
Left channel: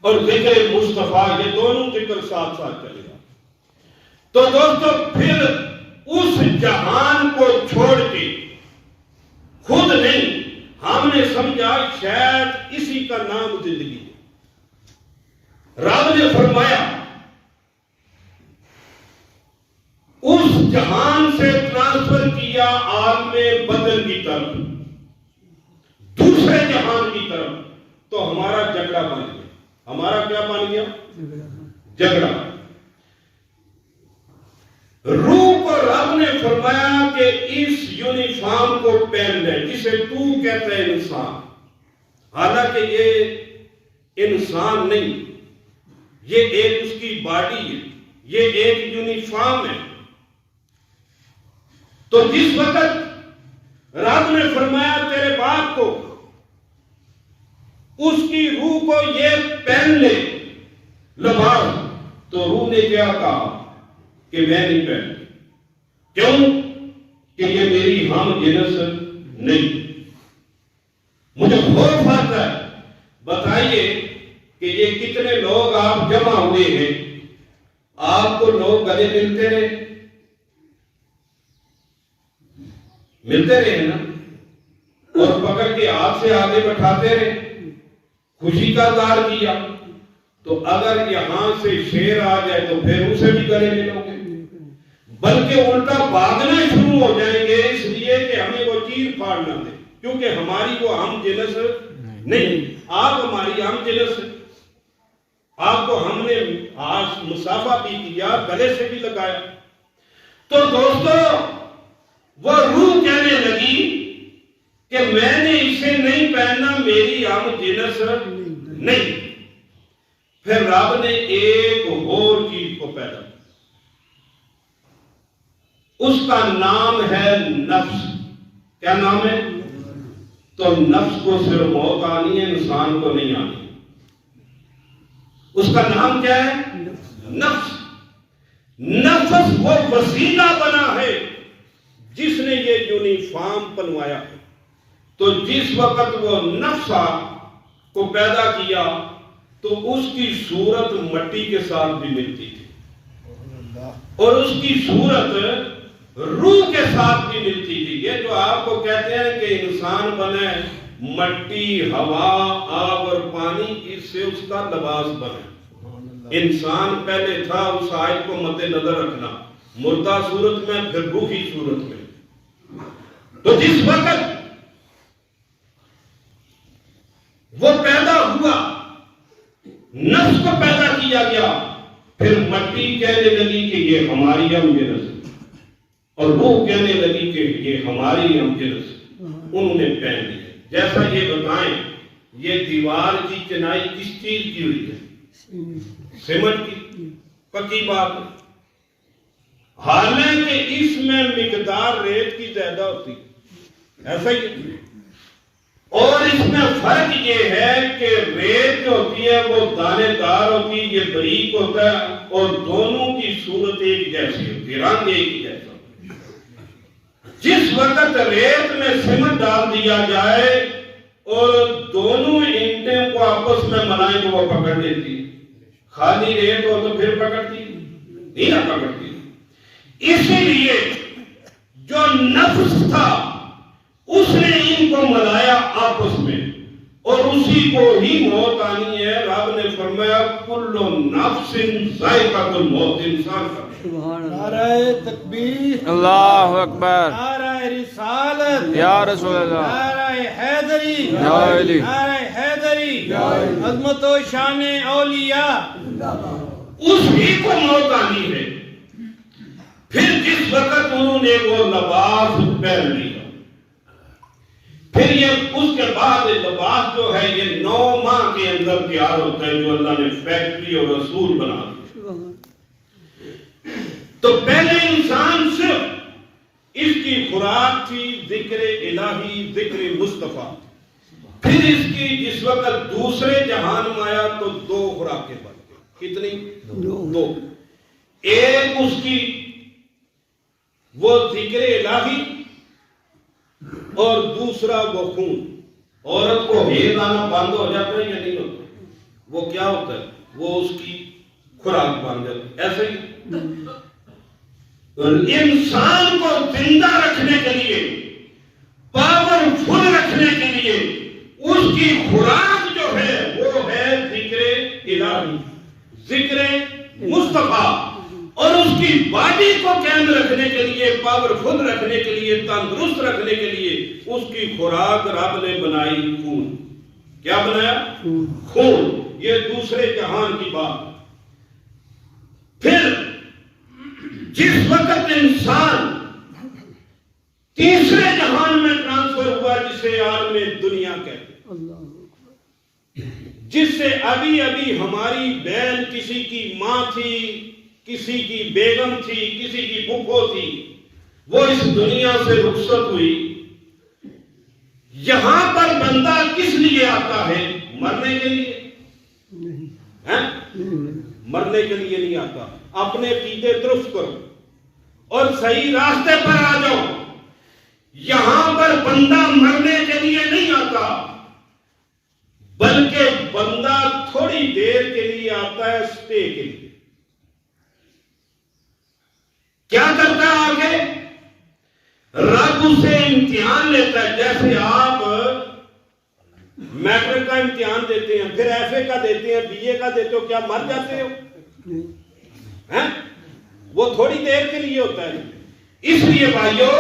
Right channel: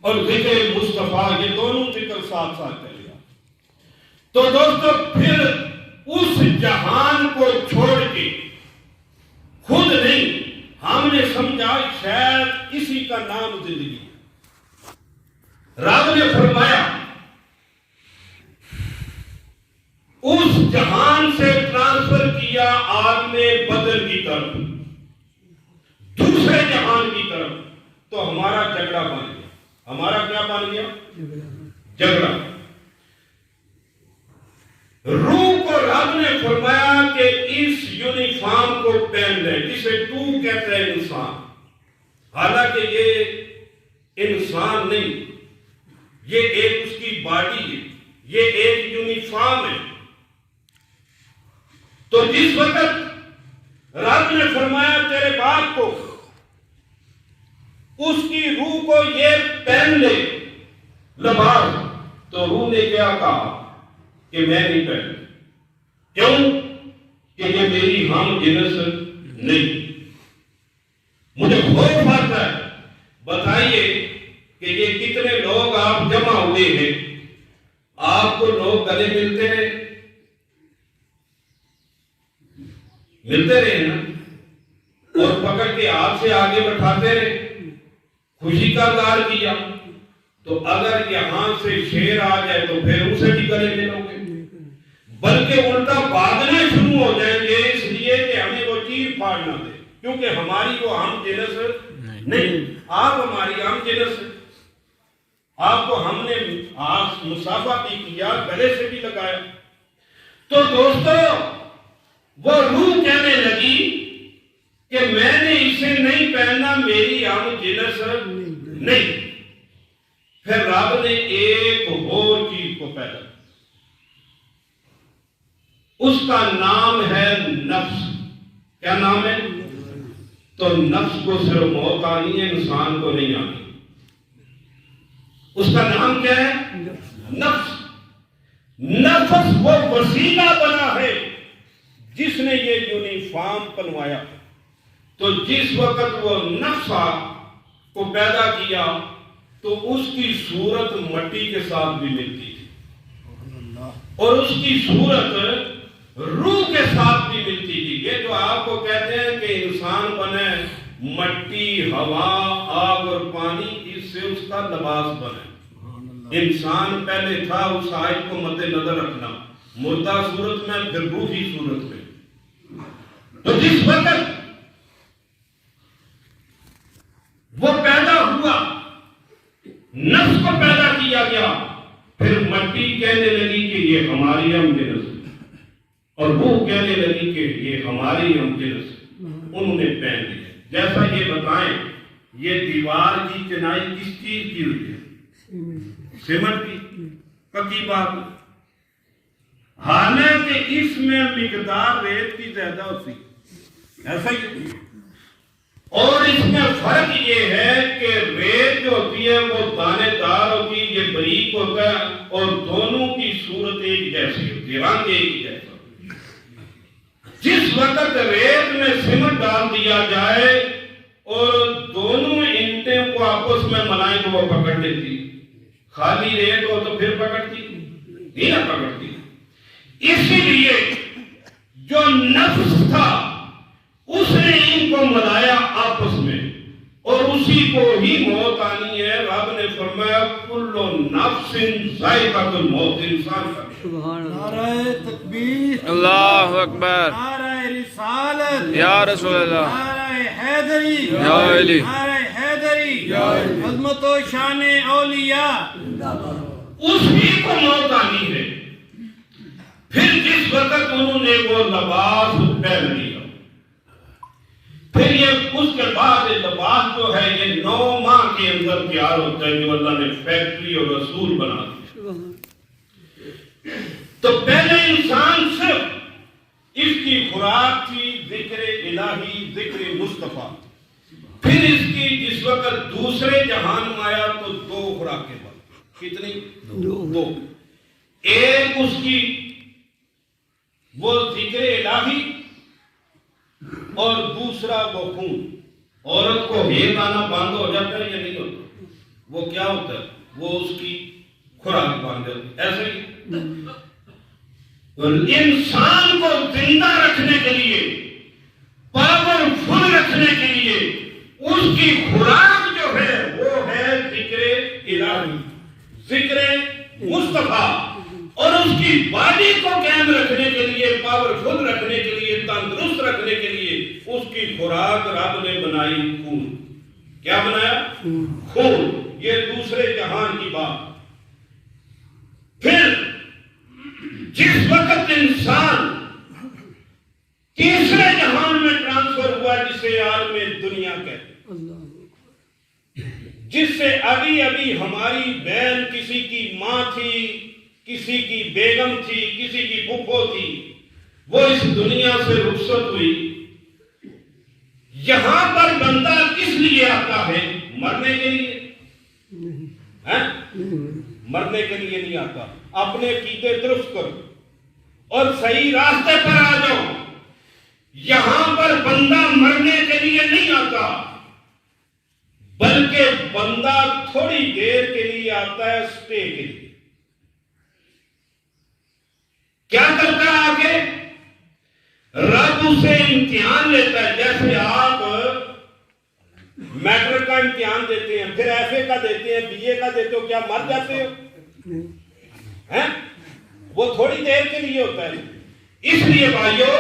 اور ذکر مصطفیٰ، یہ دونوں ذکر ساتھ ساتھ چلے گا. تو دوستو پھر اس جہان کو چھوڑ کے خود نہیں، ہم نے سمجھا شاید اسی کا نام زندگی. رب نے فرمایا اس جہان سے ٹرانسفر کیا عالم بدر کی طرف، دوسرے جہان کی طرف. تو ہمارا جھگڑا بن گیا. ہمارا کیا بن گیا؟ جھگڑا. روح کو رب نے فرمایا کہ اس یونیفارم کو پہن لے جسے تو کہتا ہے انسان، حالانکہ یہ انسان نہیں، یہ ایک اس کی باڈی ہے، یہ ایک یونیفارم ہے۔ تو جس وقت رب نے فرمایا تیرے باپ کو اس کی روح کو یہ پہن لے لباس، تو روح نے کیا کہا کہ میں نہیں پہن، کیوں کہ یہ میری ہم جنس نہیں۔ مجھے خوف آتا ہے، بتائیے کہ یہ کتنے لوگ آپ جمع ہوئے ہیں، آپ کو لوگ گلے ملتے رہے نا، اور پکڑ کے ہاتھ سے آگے بٹھاتے رہے، خوشی کا اظہار کیا، تو اگر یہاں سے شیر آ جائے تو پھر اسے بھی گلے ملو گے، بلکہ الٹا بھاگنا شروع ہو جائیں گے، اس لیے کہ ہمیں وہ چیر پھاڑ نہ دے، کیونکہ ہماری وہ ہم جنس نہیں۔ آپ ہماری ہم جنس ہے، آپ کو ہم نے مصافحہ بھی کیا، گلے سے بھی لگایا۔ تو دوستو وہ روح کہنے لگی کہ میں نے اسے نہیں پہننا، میری ہم جنس نہیں۔ پھر رب نے ایک اور چیز کو پیدا کیا، اس کا نام ہے نفس۔ کیا نام ہے؟ تو نفس کو صرف موت آنی ہے، انسان کو نہیں آنی۔ اس کا نام کیا ہے؟ نفس۔ نفس وہ وسیلہ بنا ہے جس نے یہ یونیفارم بنوایا۔ تو جس وقت وہ نفس کو پیدا کیا تو اس کی صورت مٹی کے ساتھ بھی ملتی تھی، اور اس کی صورت روح کے ساتھ بھی ملتی تھی۔ یہ جو آپ کو کہتے ہیں کہ انسان بنے مٹی، ہوا، آگ اور پانی، اس سے اس کا لباس بنے۔ انسان پہلے تھا، اس آیت کو مد نظر رکھنا، مردہ صورت میں پھر روحی صورت میں۔ تو جس وقت وہ پیدا ہوا، نفس کو پیدا کیا گیا، پھر مٹی کہنے لگی کہ یہ ہماری ہم جنس ہے، اور روح کہنے لگی کہ یہ ہماری ہم جنس ہے۔ انہوں نے پہن لیا۔ جیسا یہ بتائیں، یہ دیوار کی چنائی کس چیز کی ہوئی ہے؟ سیمنٹ کی، پکی بات ہے۔ حالانکہ اس میں مقدار ریت کی زیادہ ہوتی ہے، ایسا ہی ہے۔ اور اس میں فرق یہ ہے کہ ریت جو ہوتی ہے وہ دانے دار ہوتی ہے، یہ باریک ہوتا ہے، اور دونوں کی صورت ایک جیسی ہوتی ہے، رنگ ایک جیسا ہوتا ہے۔ جس وقت ریت میں سیمنٹ ڈال دیا جائے اور دونوں اینٹیں کو آپس میں ملائیں تو وہ پکڑ لیتی ہے، خالی ریت ہو تو پھر پکڑتی نہیں نہ پکڑتی۔ اسی لیے جو نفس تھا اس نے ان کو ملایا آپس میں، اور اسی کو ہی موت آنی ہے۔ رب نے فرمایا کل نفس ذائقۃ الموت، انسان کا نعرہ تکبیر، اللہ اکبر، نعرہ رسالت، یا رسول اللہ، نعرہ حیدری، یا علی، نعرہ حیدری، عظمت و شان اولیاء۔ اس ہی کو موت آنی ہے۔ پھر جس وقت انہوں نے وہ لباس پہن لیا، پھر یہ اس کے بعد لباس جو ہے یہ 9 ماہ کے اندر تیار ہوتا ہے، جو اللہ نے فیکٹری اور رسول بنا دیا۔ تو پہلے انسان صرف اس کی خوراک تھی ذکر الہی، ذکر مصطفیٰ۔ پھر اس کی جس وقت دوسرے جہان میں آیا تو 2 خوراکیں بن، کتنی؟ 2۔ ایک اس کی وہ ذکر الہی، اور دوسرا وہ خون۔ عورت کو ہیل آنا بند ہو جاتا ہے یا نہیں ہوتا؟ وہ کیا ہوتا ہے؟ وہ اس کی خوراک بن جاتی ہے۔ ایسے ہی انسان کو زندہ رکھنے کے لیے، پاورفل رکھنے کے لیے اس کی خوراک جو ہے وہ ہے ذکر الہی، ذکر مصطفیٰ۔ اور اس کی باڈی کو قائم رکھنے کے لیے، پاورفل رکھنے کے لیے، تندرست رکھنے کے لیے اس کی خوراک رب نے بنائی خون۔ کیا بنایا؟ خون۔ یہ دوسرے جہان کی بات۔ پھر جس وقت انسان تیسرے جہان میں ٹرانسفر ہوا جسے عالم دنیا کہتے ہیں، جس سے ابھی ابھی ہماری بہن کسی کی ماں تھی، کسی کی بیگم تھی، کسی کی پھپھو تھی، وہ اس دنیا سے رخصت ہوئی. یہاں پر بندہ کس لیے آتا ہے؟ مرنے کے لیے؟ مرنے کے لیے نہیں آتا. اپنے عقیدے درست کرو اور صحیح راستے پر آ جاؤ. یہاں پر بندہ مرنے کے لیے نہیں آتا، بلکہ بندہ تھوڑی دیر کے لیے آتا ہے، سٹے کے لیے. کیا کرتا ہے آگے؟ رب اسے امتحان لیتا ہے. جیسے آپ میٹرک کا امتحان دیتے ہیں، پھر ایف اے کا دیتے ہیں، بی اے کا دیتے ہو، کیا مر جاتے ہو؟ وہ تھوڑی دیر کے لیے ہوتا ہے. اس لیے بھائیو،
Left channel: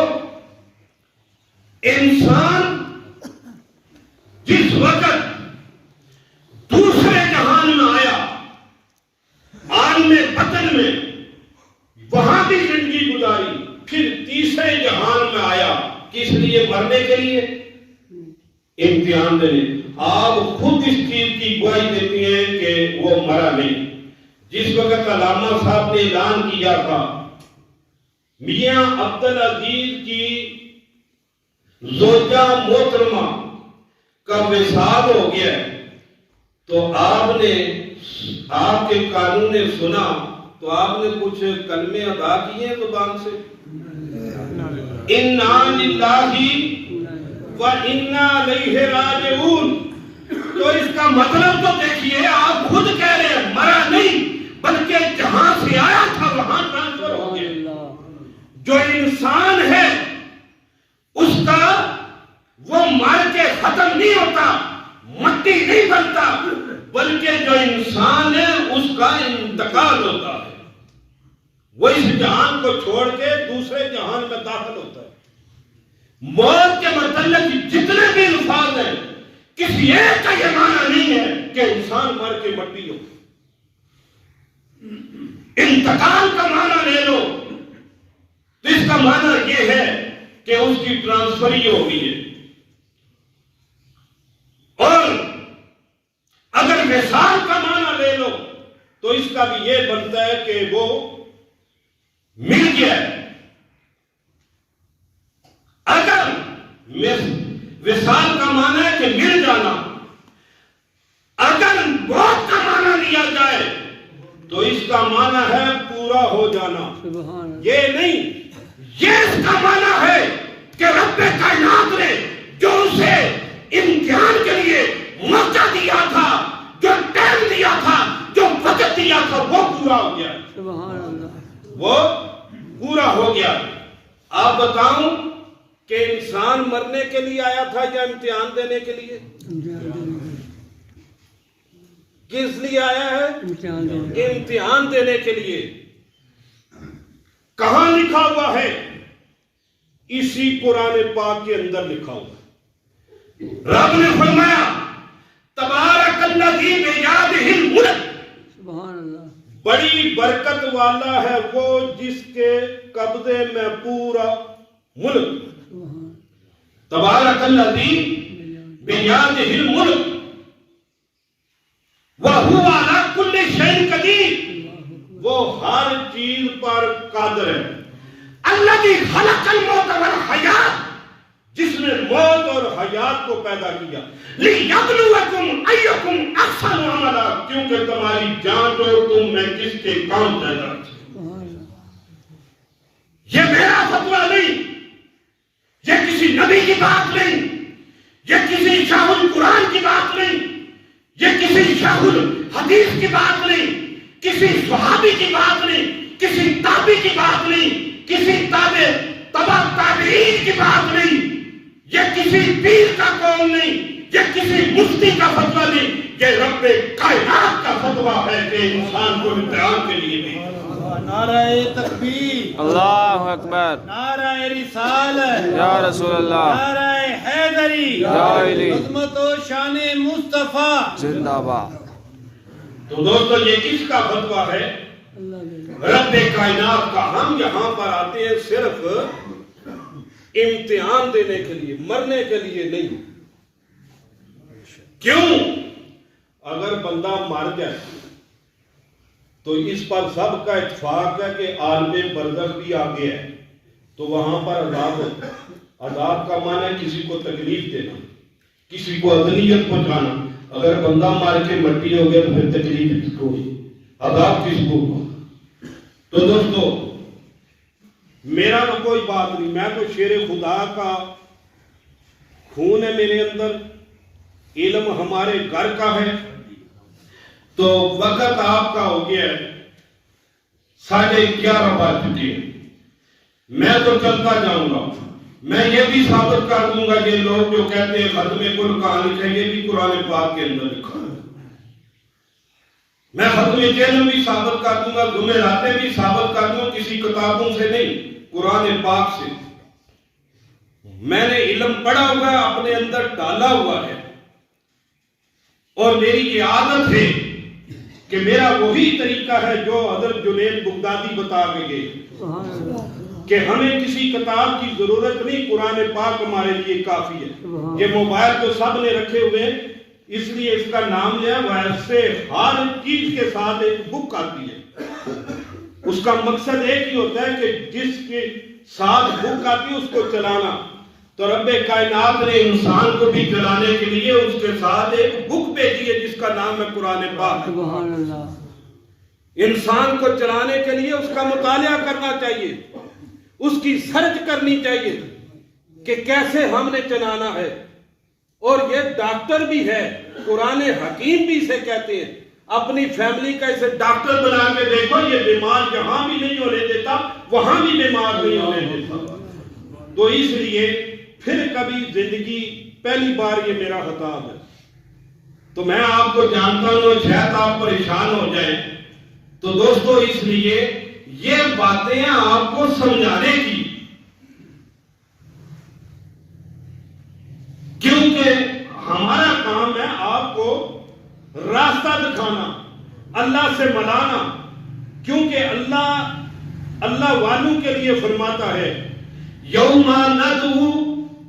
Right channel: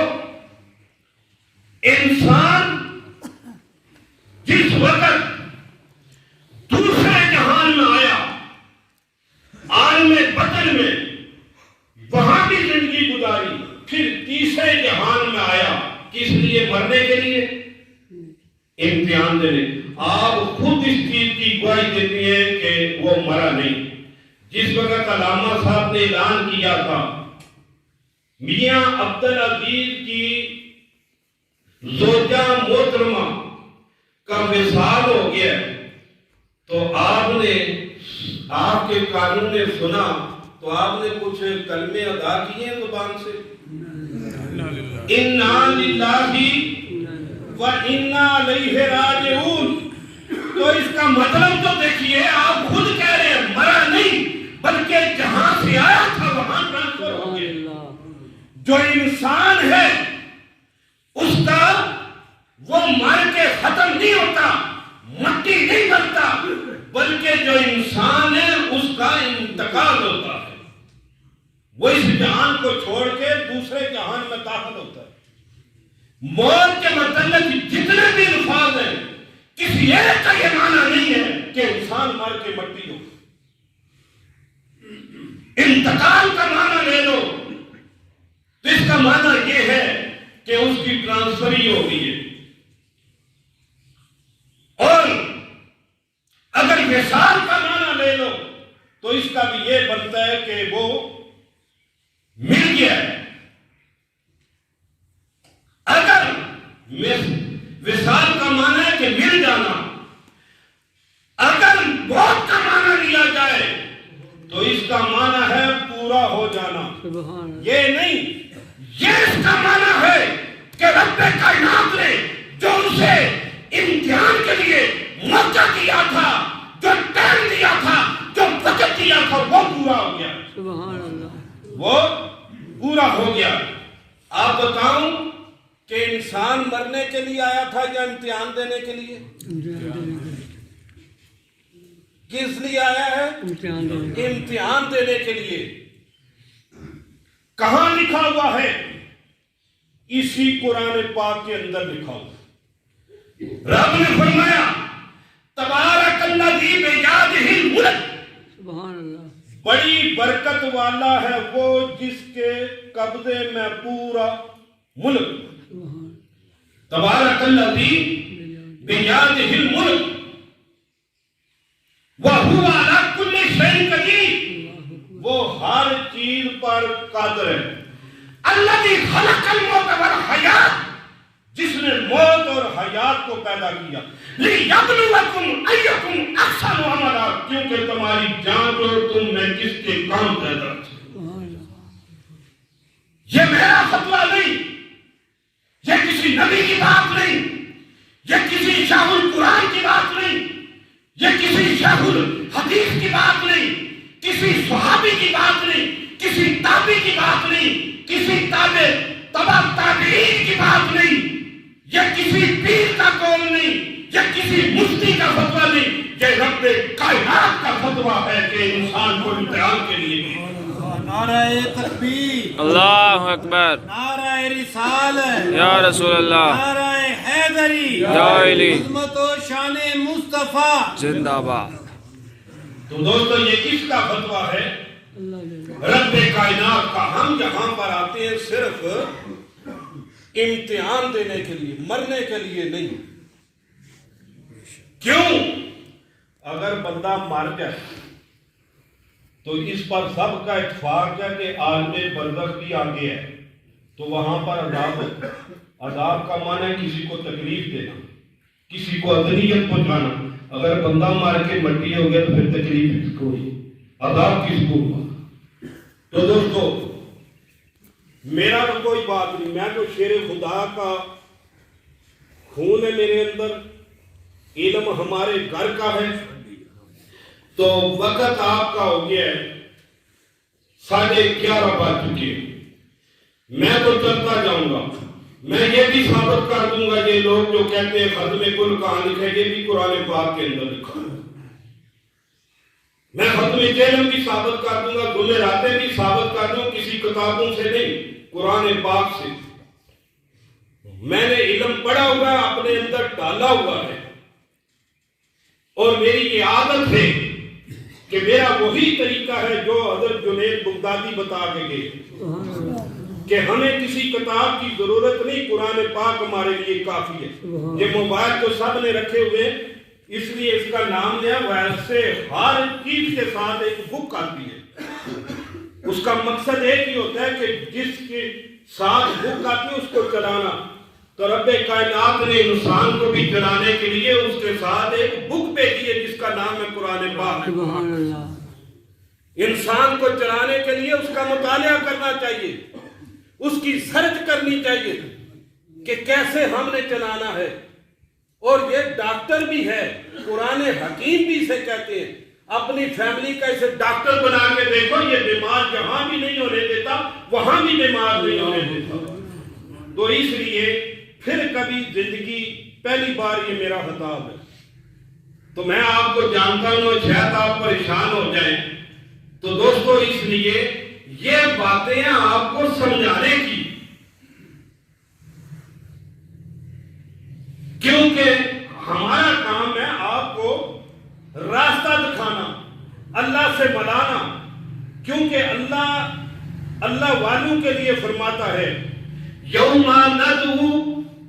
انسان جس وقت دوسرے جہان میں آیا، عالم بطن میں، وہاں کی زندگی گزاری، پھر تیسرے جہان میں آیا. کس لیے؟ مرنے کے لیے، امتحان دینے. آپ خود اس چیز کی گواہی دیتے ہیں کہ وہ مرا نہیں. جس وقت علامہ صاحب نے اعلان کیا تھا میاں عبدالعزیز کی زوجہ محترمہ کا وصال ہو گیا، تو آپ نے، آپ کے قانون نے سنا تو آپ نے کچھ کلمے ادا کیے ہیں زبان سے. اِنَّا لِلَّهِ وَإِنَّا إِلَيْهِ راجعون. تو اس کا مطلب تو دیکھیے، آپ خود کہہ رہے ہیں مرا نہیں، بلکہ جہاں سے آیا تھا وہاں ٹرانسفر ہو گیا. جو انسان ہے اس کا وہ مر کے ختم نہیں ہوتا، مٹی نہیں بنتا، بلکہ جو انسان ہے اس کا انتقال ہوتا ہے. وہ اس جہان کو چھوڑ کے دوسرے جہان میں داخل ہوتا ہے. موت کے متعلق جتنے بھی الفاظ ہیں، کسی ایک کا یہ معنی نہیں ہے کہ انسان مر کے مٹی ہو. انتقال کا معنی لے لو تو اس کا معنی یہ ہے کہ اس کی ٹرانسفری ہو گئی ہے. اور اگر وصال کا معنی لے لو تو اس کا بھی یہ بنتا ہے کہ وہ مل گیا ہے. اگر وصال کا معنی ہے کہ مل جانا، اگر موت کا معنی لیا جائے تو اس کا معنی ہے پورا ہو جانا. یہ نہیں، یہ اس کا معنی ہے کہ رب کائنات نے جو اسے امتحان کے لیے موقع دیا تھا، جو ٹائم دیا تھا، جو وقت دیا تھا، وہ پورا ہو گیا. وہ پورا ہو گیا. آپ بتاؤں کہ انسان مرنے کے لیے آیا تھا یا امتحان دینے کے لیے؟ کس لیے آیا ہے؟ امتحان دینے کے لیے. کہاں لکھا ہوا ہے؟ اسی قرآن پاک کے اندر لکھا ہوا. رب نے فرمایا تبارک الذی بیدہ الملک، بڑی برکت والا ہے وہ جس کے قبضے میں پورا ملک. تبارک الذی بیدہ الملک وَهُوَ عَلَى كُلِّ شَيْءٍ قَدِيرٌ، وہ ہر چیز پر قادر ہے. الذی خلق الموت والحیات، جس نے موت اور حیات کو پیدا کیا. لِيَبْلُوَكُمْ أَيُّكُمْ أَحْسَنُ عَمَلًا، کیونکہ تمہاری جانچ اور تم میں کس کے کام پیدا ہے. یہ میرا فتویٰ نہیں، یہ کسی نبی کی بات نہیں، یہ کسی شاہ القرآن کی بات نہیں، یہ کسی شیخ الحدیث کی بات نہیں، کسی صحابی کی بات نہیں، کسی تابعی کی بات نہیں، کسی تبع تابعین کی بات نہیں، یہ کسی پیر کا قول نہیں، یہ کسی مفتی کا فتویٰ نہیں، یہ رب کائنات کا فتویٰ ہے کہ انسان کو امتحان کے لیے بھی. نعرہ تکبیر، اللہ اکبر، نعرہ رسالت، یا رسول اللہ، نعرہ حیدری، یا علی، عظمت و شان مصطفیٰ زندہ باد. تو دوستو یہ کس کا فتویٰ ہے؟ رب کائنات کا ہم یہاں پر آتے ہیں صرف امتحان دینے کے لیے، مرنے کے لیے نہیں۔ کیوں؟ اگر بندہ مر جائے تو اس پر سب کا اتفاق ہے کہ عالم برزخ بھی آگے ہے، تو وہاں پر عذاب ہے۔ عذاب کا معنی ہے کسی کو تکلیف دینا، کسی کو اذیت پہنچانا۔ اگر بندہ مار کے مٹی ہو گیا تو پھر تکلیف کس کو ہوئی، عذاب کس کو ہوگا؟ تو دوستو میرا تو کوئی بات نہیں، میں تو شیر خدا کا خون ہے میرے اندر، علم ہمارے گھر کا ہے۔ تو وقت آپ کا ہو گیا ہے، 11:30 بج چکے ہیں، میں تو چلتا جاؤں گا۔ میں یہ بھی ثابت کر دوں گا یہ لوگ جو کہتے ہیں ختم کل کہاں لکھا ہے، یہ بھی قرآن پاک کے اندر لکھا ہے۔ میں ختم چیلم بھی ثابت کر دوں گا، جمعراتیں بھی ثابت کر دوں، کسی کتابوں سے نہیں، قرآن پاک سے۔ میں نے علم پڑھا ہوا اپنے اندر ڈالا ہوا ہے، اور میری یہ عادت ہے کہ میرا وہی طریقہ ہے جو حضرت جنید بغدادی بتا کے گئے کہ ہمیں کسی کتاب کی ضرورت نہیں، قرآن پاک ہمارے لیے کافی ہے۔ یہ موبائل تو سب نے رکھے ہوئے ہیں، اس لیے اس کا نام لیا، ویسے ہر چیز کے ساتھ ایک بک آتی ہے۔ اس کا مقصد ایک ہی ہوتا ہے کہ جس کے ساتھ بک آتی ہے اس کو چلانا۔ تو رب کائنات نے انسان کو بھی چلانے کے لیے اس کے ساتھ ایک بک بھیجی ہے جس کا نام ہے قرآن پاک۔ انسان کو چلانے کے لیے اس کا مطالعہ کرنا چاہیے، اس کی سرچ کرنی چاہیے کہ کیسے ہم نے چلانا ہے۔ اور یہ ڈاکٹر بھی ہے، قرآن حکیم بھی اسے کہتے ہیں۔ اپنی فیملی کا اسے ڈاکٹر بنا کے دیکھو، یہ بیمار جہاں بھی نہیں ہونے دیتا وہاں بھی بیمار نہیں ہونے دیتا۔ تو اس لیے پھر کبھی زندگی پہلی بار یہ میرا خطاب ہے، تو میں آپ کو جانتا ہوں، شاید آپ پریشان ہو جائیں۔ تو دوستو اس لیے یہ باتیں آپ کو سمجھانے کی، کیونکہ ہمارا کام ہے آپ کو راستہ دکھانا، اللہ سے ملانا۔ کیونکہ اللہ والوں کے لیے فرماتا ہے یوم ندعو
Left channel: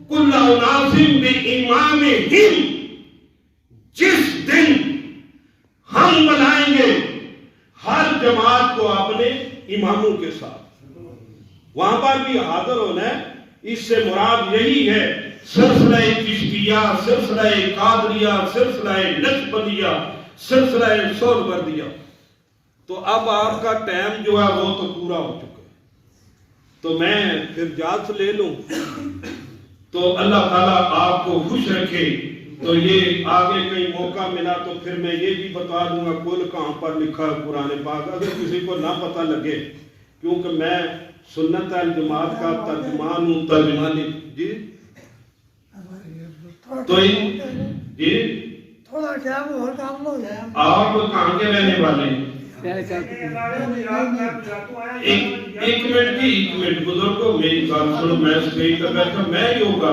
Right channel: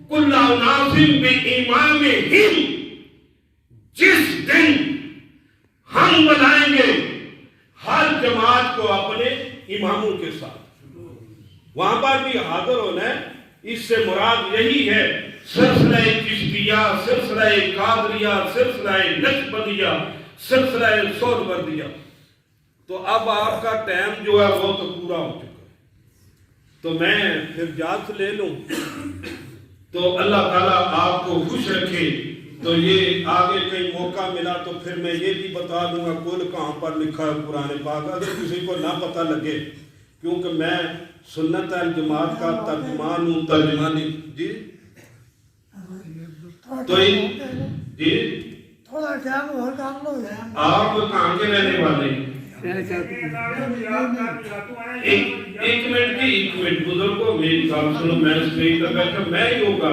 کل اناس بامامہم، جس دن ہم بلائیں گے ہر جماعت کو اپنے اماموں کے ساتھ، وہاں پر بھی حاضر ہونا ہے۔ اس سے مراد یہی ہے سلسلہ چشتیہ، سلسلہ قادریہ، سلسلہ نقشبندیہ، سلسلہ سہروردیہ۔ تو اب آپ کا ٹائم جو ہے وہ تو پورا ہو چکا ہے، تو میں پھر اجازت لے لوں۔ تو اللہ تعالیٰ آپ کو خوش رکھے۔ تو یہ آگے کئی موقع ملا تو پھر میں یہ بھی بتا دوں گا کل کہاں پر لکھا ہے قرآن پاک، اگر کسی کو نہ پتہ لگے، کیونکہ میں سنت الجماعت کا ترجمان ہوں، ترجمانی جی تو جی تھوڑا ٹائم اور کام لو۔ آپ کہاں کے رہنے والے ہیں؟ ایک منٹ جی، ایک منٹ بزرگوں، میری بات سنو، میں اسپیکر بیٹھا، میں ہی ہوگا